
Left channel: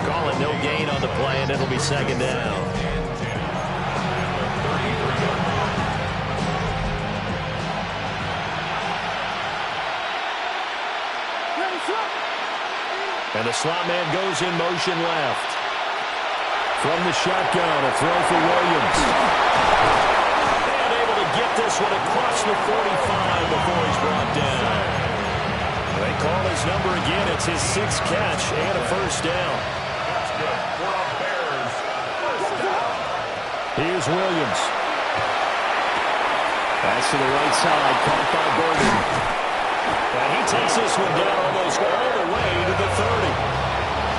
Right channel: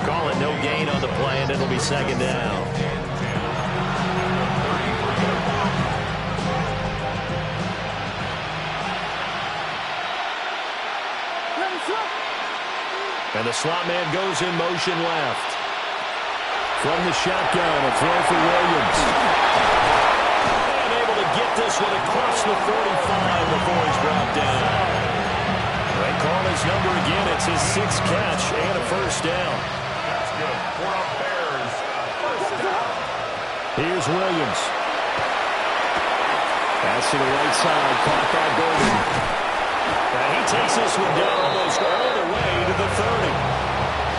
Call it no gain on the play, and it'll be second down. And the slot man goes in motion left. From the shotgun, a throw for Williams. And able to get this one across the 45 before he's brought down. They call his number again. It's his 6th catch and a first down. That's good for a Bears first down. Here's Williams. Pass to the right side, caught by Gordon. And he takes this one down almost all the way to the 30.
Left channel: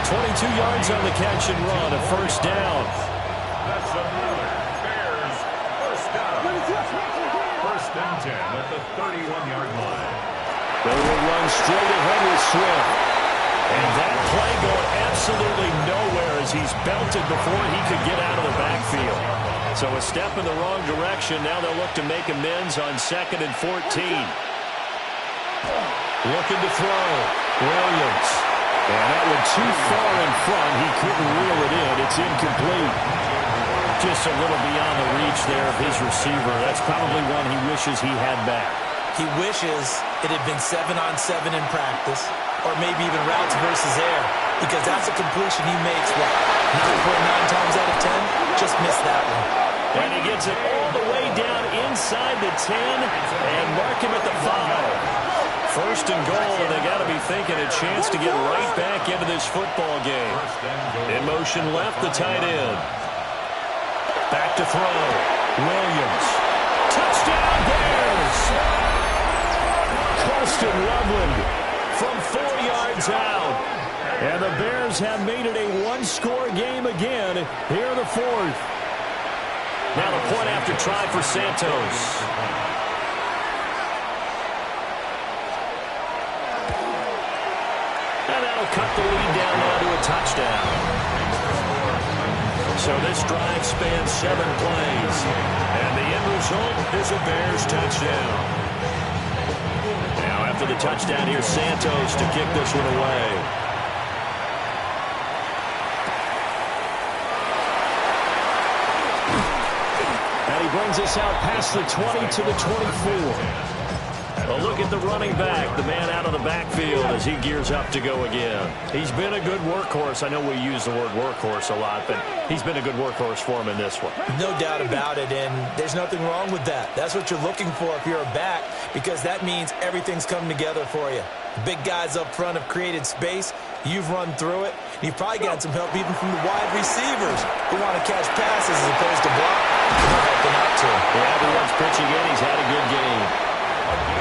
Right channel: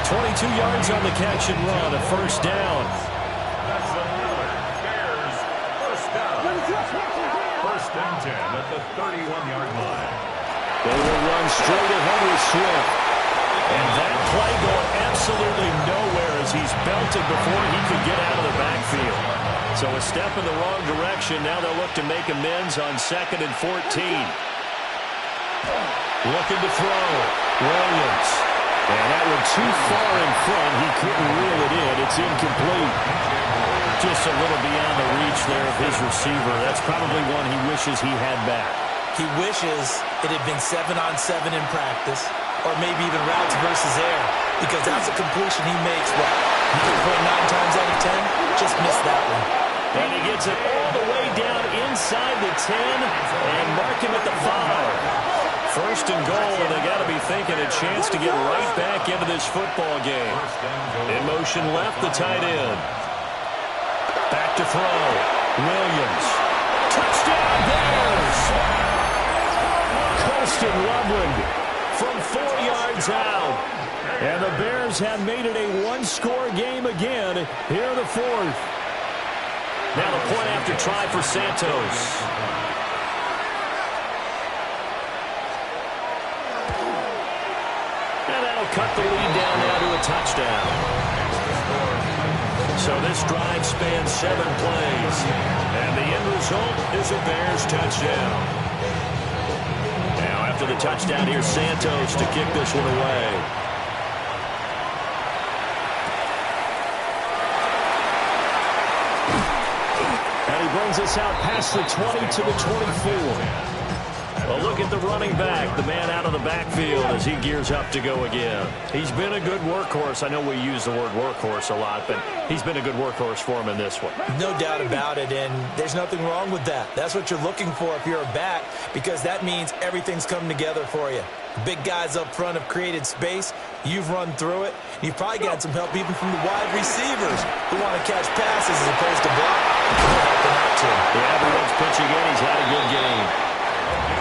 22 yards on the catch and run, a first down. That's another Bears first down. First and 10 at the 31-yard line. They will run straight ahead with Swift. And that play going absolutely nowhere as he's belted before he could get out of the backfield. So a step in the wrong direction. Now they'll look to make amends on 2nd and 14. Looking to throw. Williams. And that one too far in front. He couldn't reel it in. It's incomplete. Just a little beyond the reach there of his receiver. That's probably one he wishes he had back. He wishes it had been 7-on-7 in practice, or maybe even routes versus air, because that's a completion he makes, 9.9 times out of 10? Just missed that one. And he gets it all the way down inside the 10 and mark him at the 5. First and goal, and they got to be thinking a chance to get right back into this football game. In motion left, the tight end. Back to throw. Williams. Touchdown Bears! Colston Loveland from 4 yards out. And the Bears have made it a one-score game again here in the 4th. Now the point after try for Santos. And that'll cut the lead down now to a touchdown. So this drive spans 7 plays. And the end result is a Bears touchdown. Now after the touchdown, here's Santos to kick this one away. And he brings us out past the 20 to the 24. Well, look at the running back, the man out of the backfield as he gears up to go again. He's been a good workhorse. I know we use the word workhorse a lot, but he's been a good workhorse for him in this one. No doubt about it, and there's nothing wrong with that. That's what you're looking for if you're a back, because that means everything's coming together for you. Big guys up front have created space. You've run through it. You've probably got some help even from the wide receivers who want to catch passes as opposed to block. They're helping out too. Yeah, everyone's pitching in. He's had a good game.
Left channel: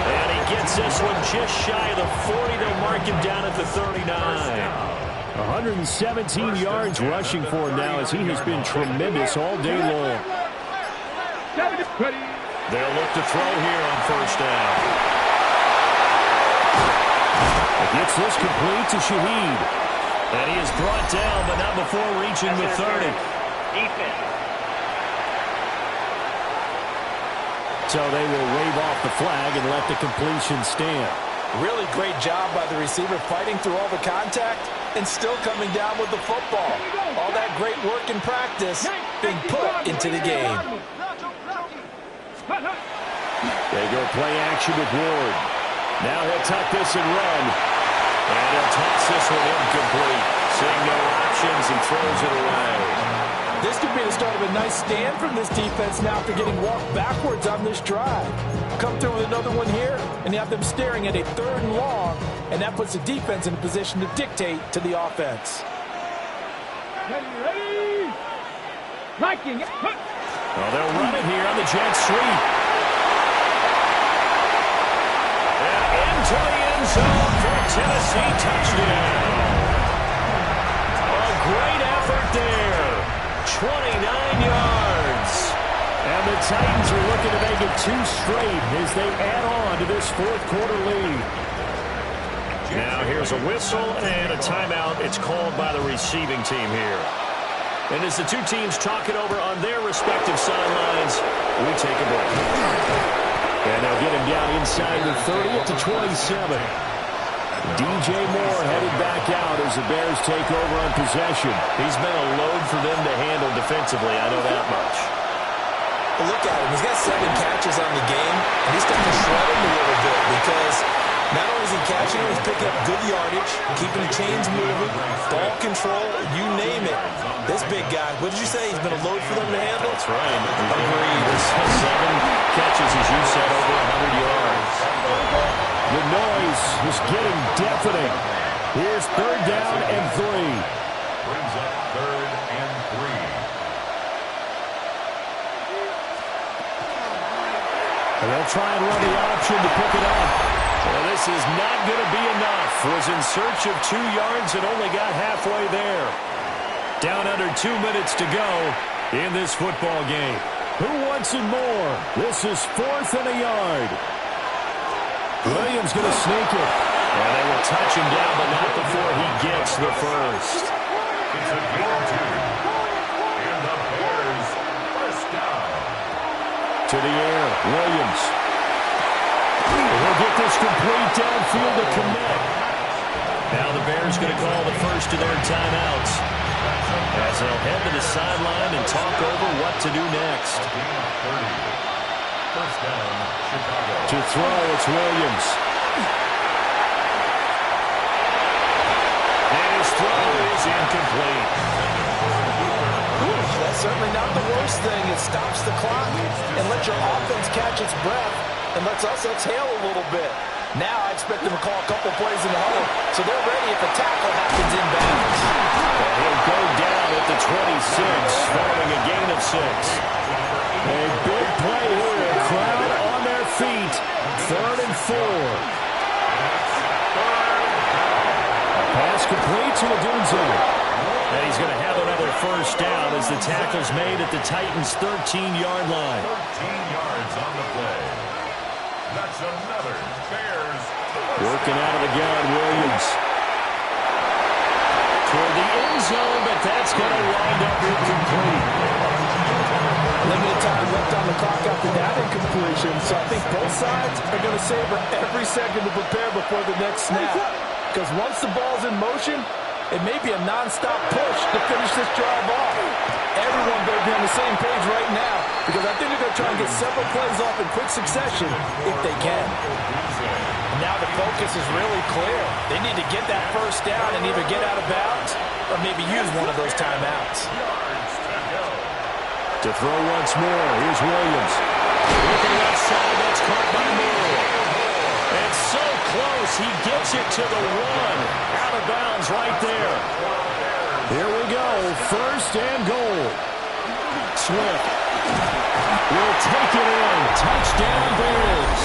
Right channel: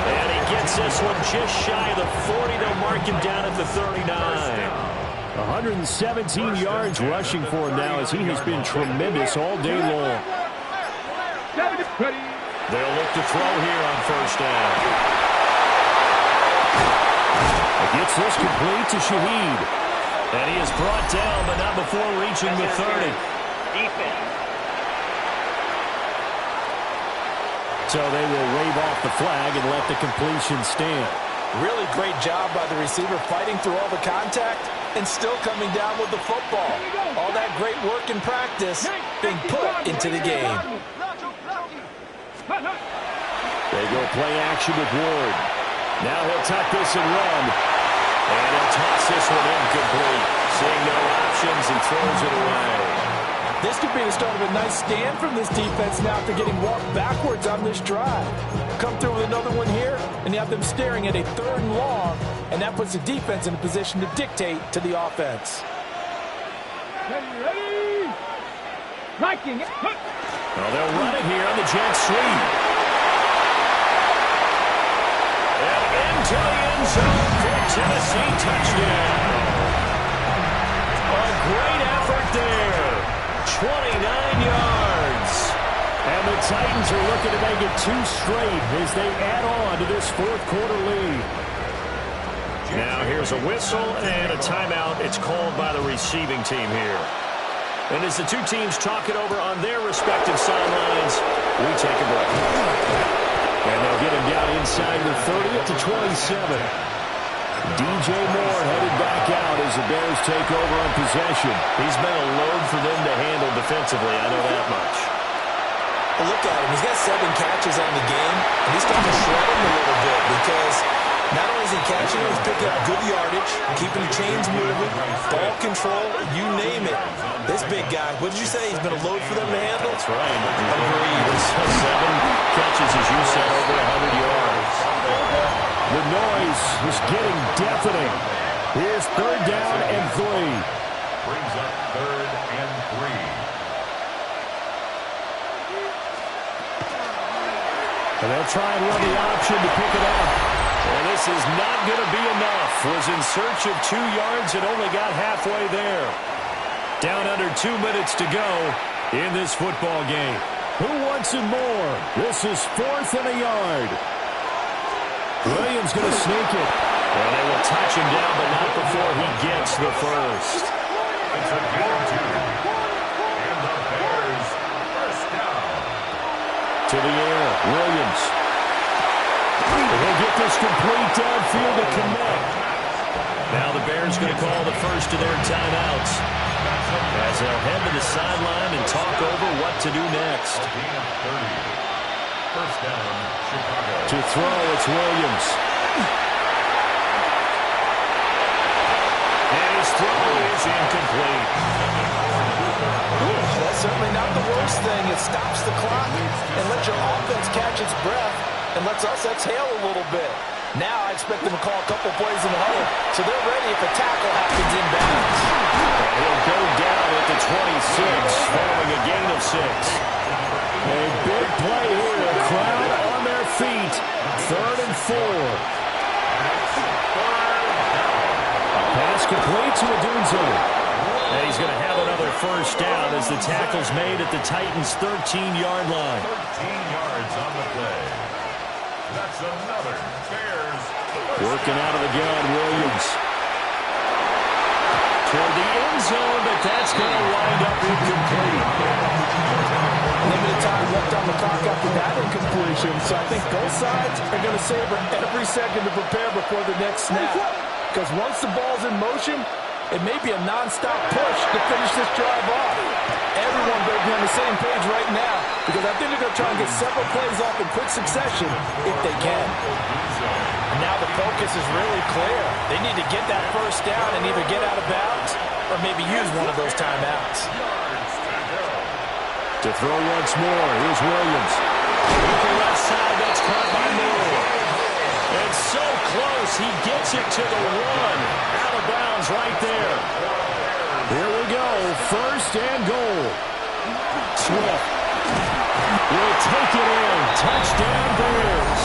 And he gets this one just shy of the 40. They'll mark him down at the 39. 117 yards rushing for him now as he has been tremendous all day long. They'll look to throw here on first down. He gets this complete to Shaheed. And he is brought down, but not before reaching the 30. Defense. So they will wave off the flag and let the completion stand. Really great job by the receiver fighting through all the contact and still coming down with the football. All that great work in practice being put into the game. They go play action with Ward. Now he'll tuck this and run. And he'll toss this one incomplete. Seeing no options, he throws it away. This could be the start of a nice stand from this defense now after getting walked backwards on this drive. Come through with another one here, and you have them staring at a 3rd and long, and that puts the defense in a position to dictate to the offense. Ready? Liking it. Well, they'll run it here on the jet sweep. And into the end zone for Tennessee touchdown. A great effort there. 29 yards. And the Titans are looking to make it 2 straight as they add on to this 4th quarter lead. Now here's a whistle and a timeout. It's called by the receiving team here. And as the two teams talk it over on their respective sidelines, we take a break. And they'll get him down inside the 30 at the 27. DJ Moore headed back out as the Bears take over on possession. He's been a load for them to handle defensively, I know that much. Well, look at him. He's got 7 catches on the game, and he's starting to shred him a little bit because not only is he catching him, he's picking up good yardage, keeping the chains moving, ball control, you name it. This big guy, what did you say? He's been a load for them to handle? That's right. Agreed. 7 catches, as you said, over 100 yards. The noise is getting deafening. Here's 3rd down and 3. Brings up 3rd and 3. And they'll try and run the option to pick it up. And this is not going to be enough. Was in search of 2 yards and only got halfway there. Down under 2 minutes to go in this football game. Who wants it more? This is 4th and a yard. Williams going to sneak it. And they will touch him down, but not before he gets the first. It's a gain of 2. And the Bears first down. To the air, Williams. And he'll get this complete downfield to connect. Now the Bears going to call the first of their timeouts as they'll head to the sideline and talk over what to do next. A gain of 30. First down, Chicago. To throw, it's Williams. And his throw is incomplete. That's certainly not the worst thing. It stops the clock and lets your offense catch its breath and lets us exhale a little bit. Now I expect them to call a couple plays in the huddle so they're ready if a tackle happens inbounds. And he'll go down at the 26 following a gain of 6. A big play here. Crowd on their feet. 3rd and 4. A pass complete to Odunze. And he's going to have another first down as the tackle's made at the Titans' 13-yard line. 13 yards on the play. That's another Bears. Working out of the gun, Williams. Toward the end zone, but that's going to wind up incomplete. Limited time left on the clock after that incompletion, so I think both sides are going to savor every second to prepare before the next snap. Because once the ball's in motion, it may be a non-stop push to finish this drive off. Everyone better be on the same page right now because I think they're going to try and get several plays off in quick succession if they can. And now the focus is really clear. They need to get that first down and either get out of bounds or maybe use one of those timeouts. To throw once more, here's Williams. Looking left side, that's caught by Moore. And so close, he gets it to the 1. Out of bounds right there. Here we go, 1st and goal. Swift will take it in. Touchdown, Bears.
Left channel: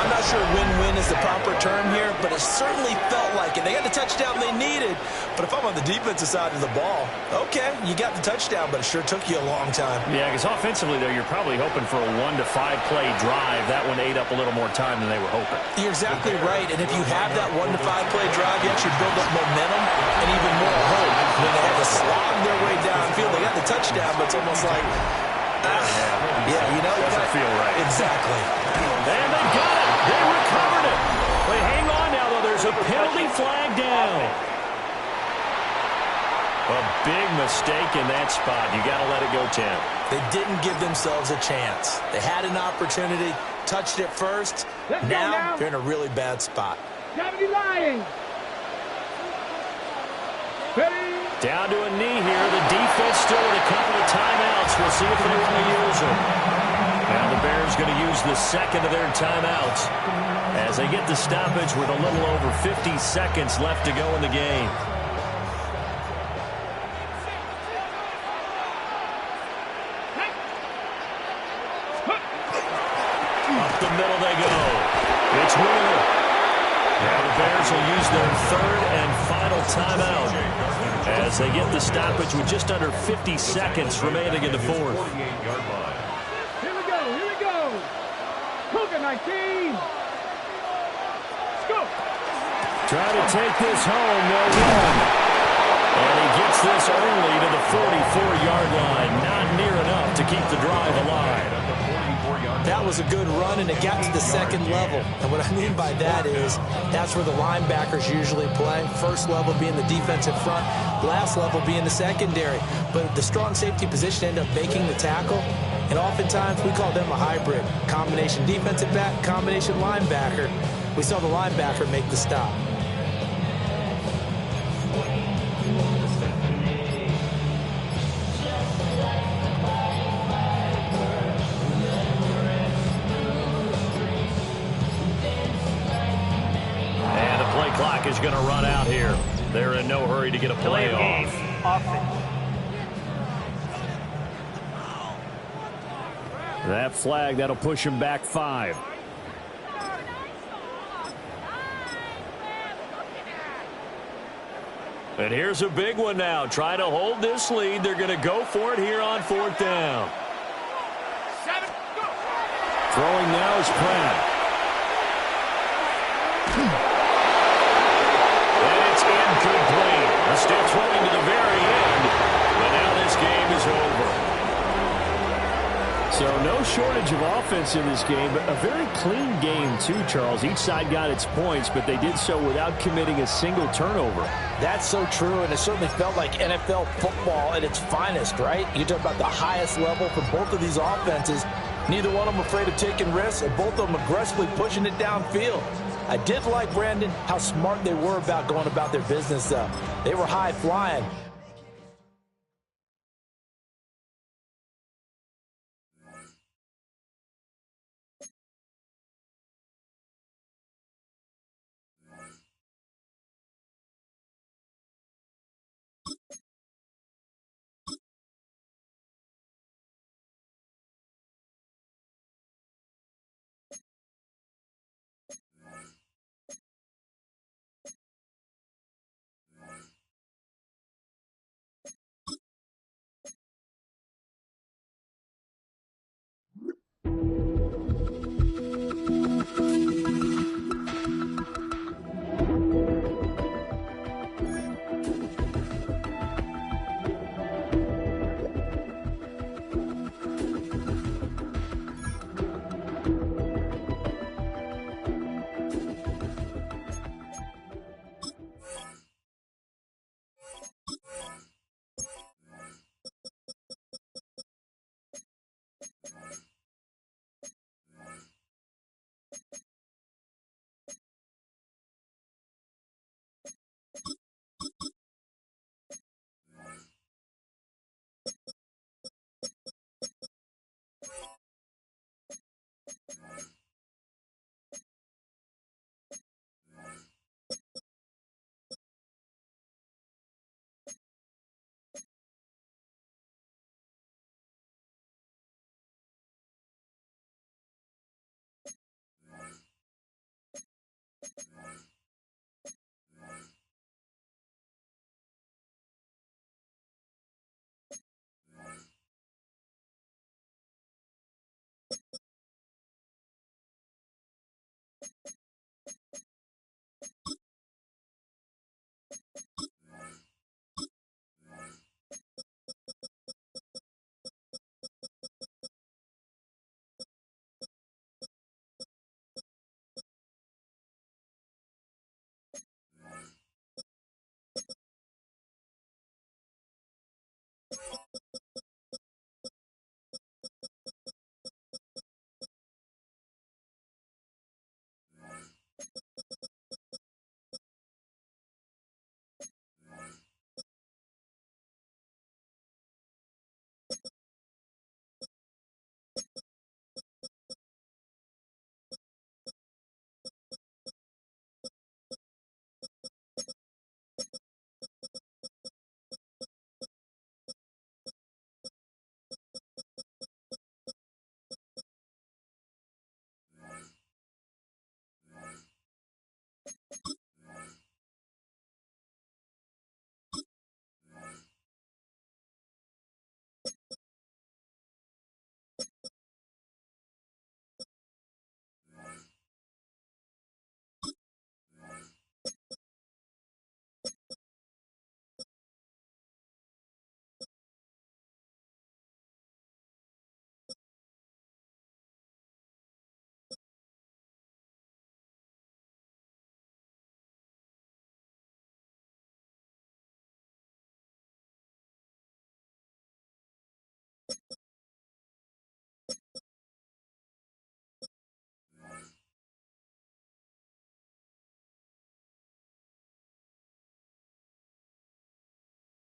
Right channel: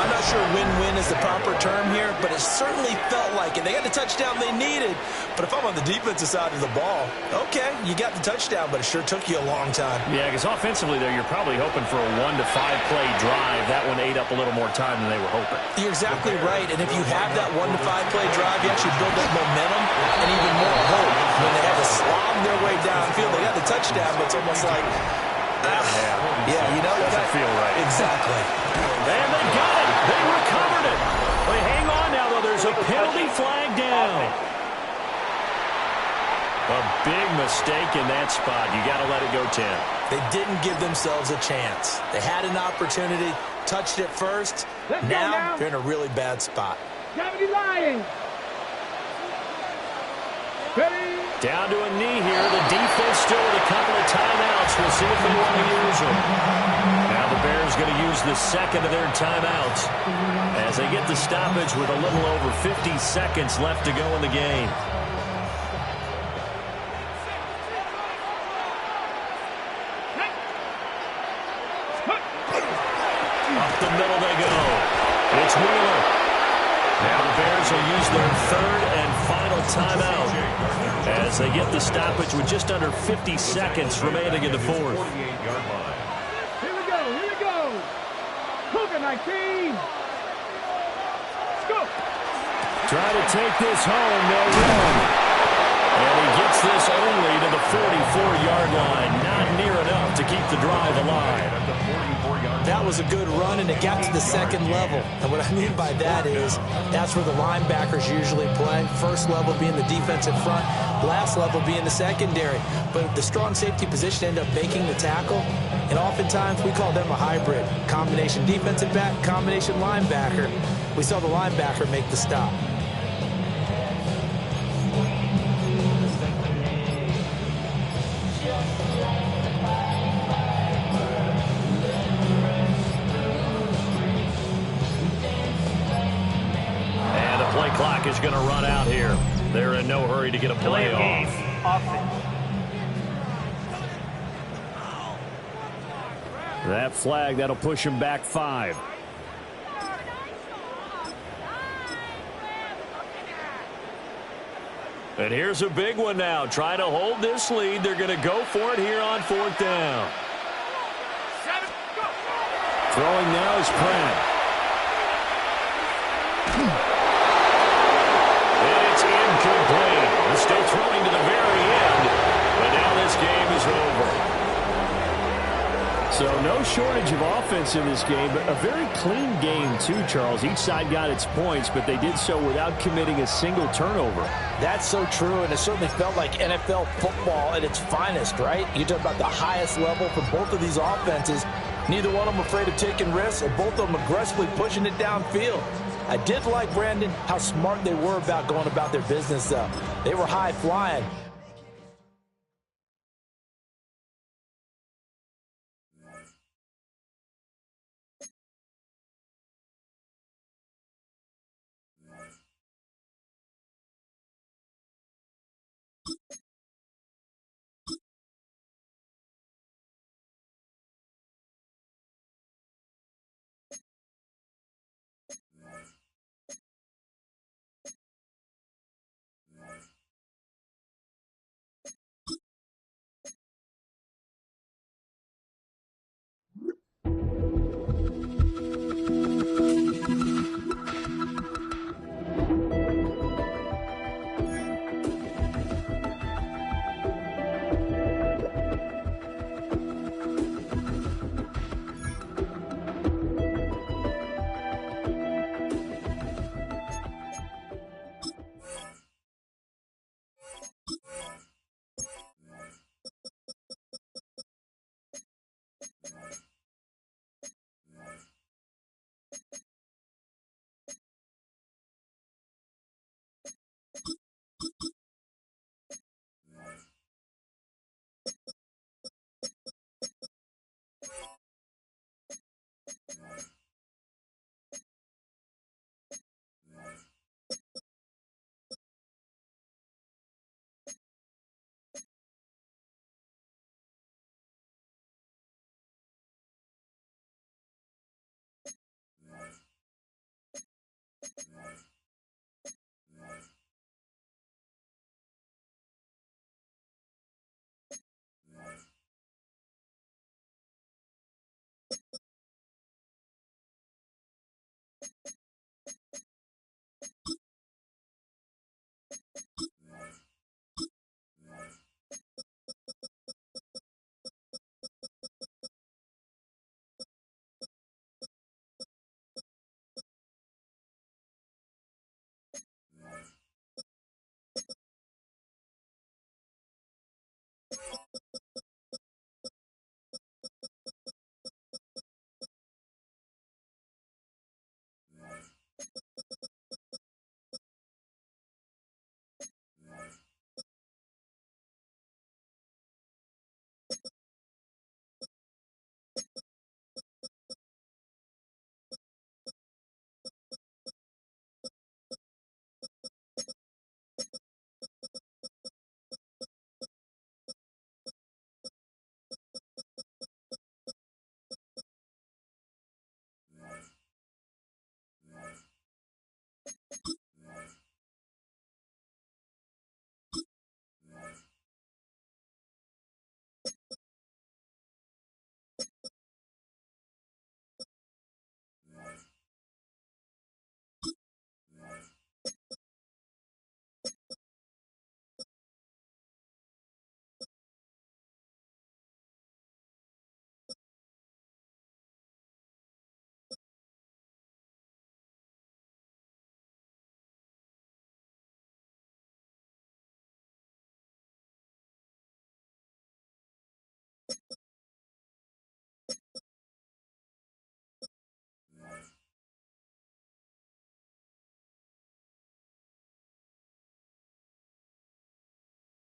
I'm not sure win-win is the proper term here, but it certainly felt like it. They got the touchdown they needed, but if I'm on the defensive side of the ball, okay, you got the touchdown, but it sure took you a long time. Yeah, because offensively there, you're probably hoping for a 1 to 5 play drive. That one ate up a little more time than they were hoping. You're exactly right, and if you have that 1 to 5 play drive, you actually build up momentum and even more hope. When they had to slog their way downfield, they got the touchdown, but it's almost like, yeah, you know, doesn't feel right. Exactly. And they got it. They recovered it. But hang on now, though. There's a penalty flag down. A big mistake in that spot. You got to let it go 10. They didn't give themselves a chance. They had an opportunity, touched it first. Now they're in a really bad spot. Gravity lying. Down to a knee here. The defense still with a couple of timeouts. We'll see if they want to use them. Now the Bears going to use the second of their timeouts as they get the stoppage with a little over 50 seconds left to go in the game. Up the middle they go. It's Wheeler. Now the Bears will use their 3rd and final timeout as they get the stoppage with just under 50 seconds remaining in the 4th. 48-yard line. Here we go. Cougar 19. Let's go. Try to take this home. They'll run. And he gets this only to the 44-yard line. Not near enough to keep the drive alive. That was a good run, and it got to the second level. And what I mean by that is that's where the linebackers usually play. First level being the defensive front, last level being the secondary. But the strong safety position ended up making the tackle. And oftentimes we call them a hybrid. Combination defensive back, combination linebacker. We saw the linebacker make the stop. And the play clock is going to run out here. They're in no hurry to get a play off. That flag, that'll push him back 5. And here's a big one now. Trying to hold this lead. They're going to go for it here on 4th down. Throwing now is Pratt. And it's incomplete. They're still throwing to the very end. But now this game is over. So no shortage of offense in this game, but a very clean game too, Charles. Each side got its points, but they did so without committing a single turnover. That's so true, and it certainly felt like NFL football at its finest, right? You talk about the highest level for both of these offenses. Neither one of them afraid of taking risks, and both of them aggressively pushing it downfield. I did like, Brandon, how smart they were about going about their business, though. They were high-flying,